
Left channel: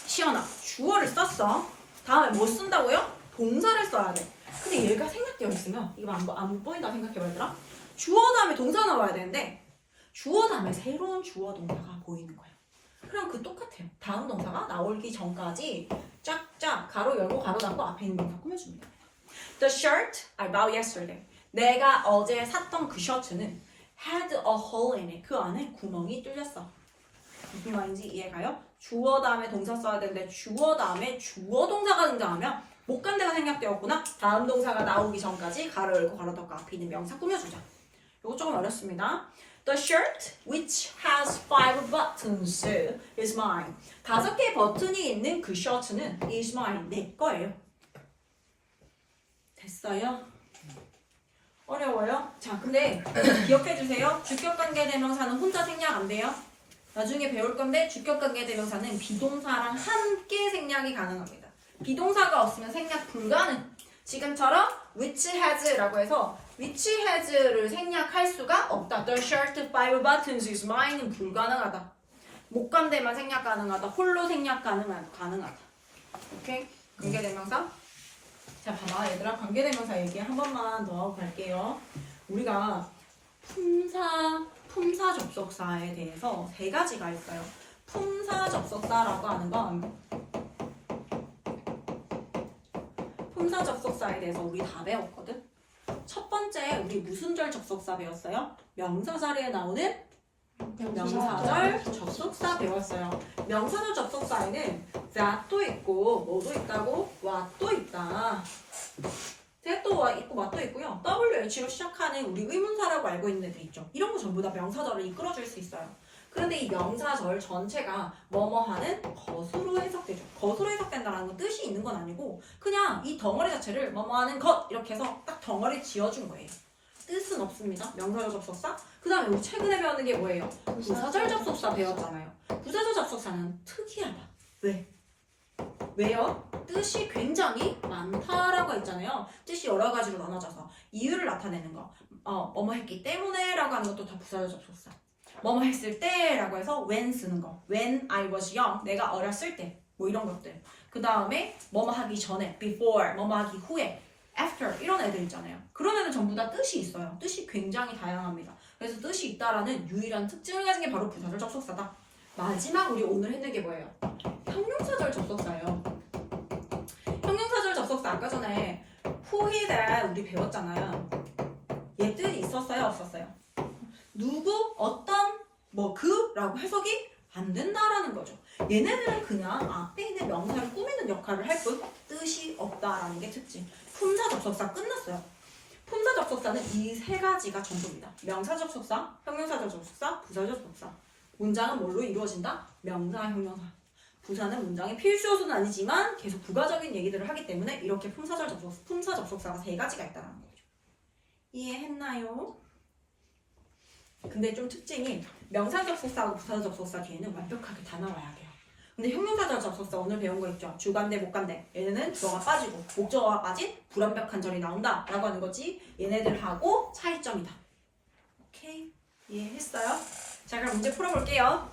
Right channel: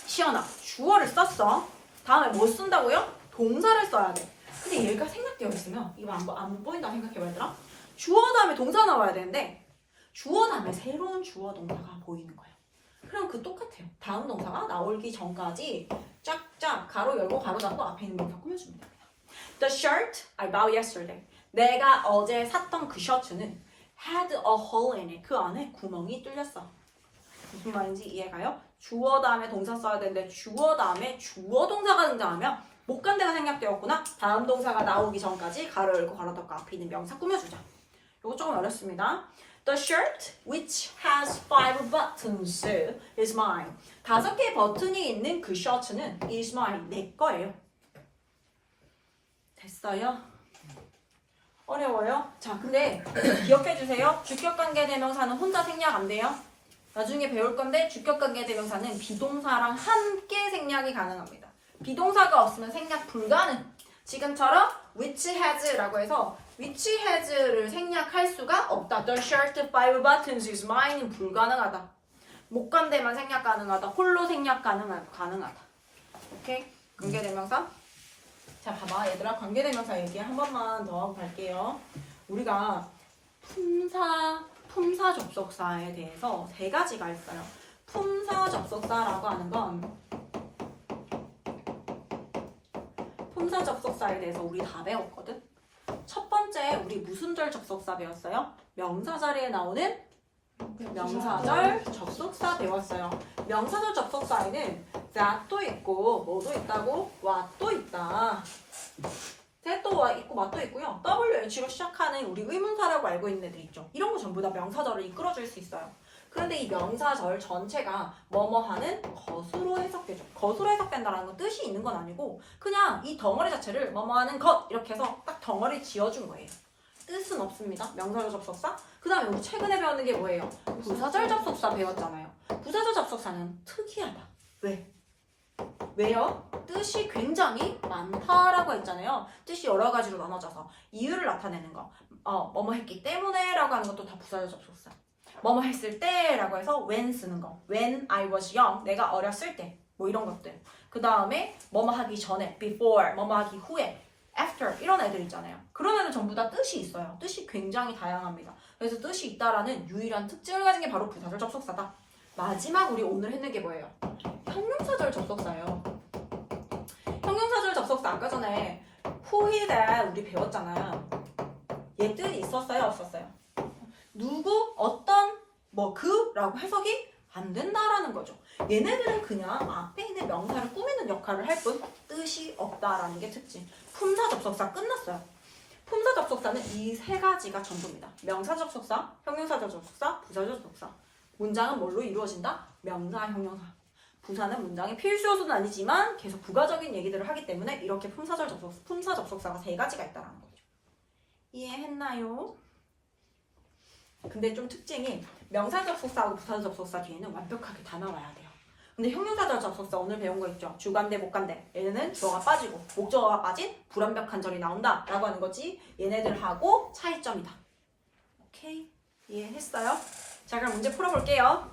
시연아, 주어를 썼어. 다음에 뭐 쓴다고요? 동사를 써야 돼. 근데 얘가 생략되어 있으면 이거 안 보인다 생각해봐 얘들아. 주어 다음에 동사 나와야 되는데 주어 다음에 새로운 주어 동사가 보이는 거예요. 그럼 그 똑같아요. 다음 동사가 나오기 전까지 쫙쫙 가로 열고 가로 닫고 앞에 있는 동사 꾸며주면 됩니다. The shirt I bought yesterday. 내가 어제 샀던 그 셔츠는 had a hole in it. 그 안에 구멍이 뚫렸어. 무슨 말인지 이해가요? 주어 다음에 동사 써야 되는데 주어 다음에 주어 동사가 등장하면 목간대가 생략되었구나. 다음 동사가 나오기 전까지 가로 열고 가로 닫고 앞에 있는 명사 꾸며주자. 이거 조금 어렵습니다. The shirt which has 5 buttons is mine. 5개의 버튼이 있는 그 셔츠는 is mine. 내 거예요. 됐어요? 어려워요? 자, 근데 기억해주세요. 주격관계대명사는 혼자 생략 안 돼요. 나중에 배울 건데 주격관계대명사는 비동사랑 함께 생략이 가능합니다. 비동사가 없으면 생략 불가능. 지금처럼 which has라고 해서 which has를 생략할 수가 없다. The shirt 5 buttons is mine은 불가능하다. 목관대만 생략 가능하다. 홀로 생략 가능하다. 오케이? 관계대명사. 자, 봐봐 얘들아. 관계대명사 얘기 한 번만 더 하고 갈게요. 우리가 품사 접속사에 대해서 3가지가 있어요. 품사 접속사라고 하는 건 품사 접속사에 대해서 우리 다 배웠거든. 첫 번째 우리 무슨 절 접속사 배웠어요? 명사 자리에 나오는 명사절 접속사 배웠어요. 명사절 접속사에는 that도 있고 뭐도 있다고? what도 있다. that도 있고 what도 있고요. WH로 시작하는 우리 의문사라고 알고 있는 애들 있죠. 이런 거 전부 다 명사절을 이끌어줄 수 있어요. 그런데 이 명사절 전체가 뭐뭐하는 것으로 해석되죠. 것으로 해석된다는 건 뜻이 있는 건 아니고 그냥 이 덩어리 자체를 뭐뭐하는 것 이렇게 해서 딱 덩어리 지어준 거예요. 뜻은 없습니다. 명사절 접속사. 그 다음에 우리 최근에 배우는 게 뭐예요? 부사절 접속사 배웠잖아요. 부사절 접속사는 특이하다. 왜? 왜요? 뜻이 굉장히 많다라고 했잖아요. 뜻이 여러 가지로 나눠져서 이유를 나타내는 거. 뭐뭐 했기 때문에 라고 하는 것도 다 부사절 접속사. 뭐뭐 했을 때 라고 해서 when 쓰는 거. When I was young. 내가 어렸을 때. 뭐 이런 것들. 그 다음에 뭐뭐 하기 전에. Before. 뭐뭐 하기 후에. After. 이런 애들 있잖아요. 그런 애들 전부 다 뜻이 있어요. 뜻이 굉장히 다양합니다. 그래서 뜻이 있다라는 유일한 특징을 가진 게 바로 부사절 접속사다. 마지막 우리 오늘 했는 게 뭐예요? 형용사절 접속사예요. 형용사절 접속사 아까 전에 who, he, that 우리 배웠잖아요. 얘들이 있었어요? 없었어요? 누구, 어떤, 뭐 그라고 해석이 안 된다라는 거죠. 얘네들은 그냥 앞에 있는 명사를 꾸미는 역할을 할 뿐 뜻이 없다라는 게 특징. 품사 접속사 끝났어요. 품사 접속사는 이 3가지가 전부입니다. 명사 접속사, 형용사절 접속사, 부사절 접속사. 문장은 뭘로 이루어진다? 명사, 형용사. 부사는 문장의 필수 요소는 아니지만 계속 부가적인 얘기들을 하기 때문에 이렇게 품사 접속사가 3가지가 있다는 거죠. 이해했나요? 근데 좀 특징이 명사 접속사하고 부사 접속사 뒤에는 완벽하게 다 나와야 돼요. 근데 형용사절 접속사 오늘 배운 거 있죠? 주관대, 목관대. 얘네는 주어가 빠지고 목적어가 빠진 불완벽한 절이 나온다 라고 하는 거지. 얘네들하고 차이점이다. 오케이? 이해했어요? 자, 그럼 문제 풀어볼게요.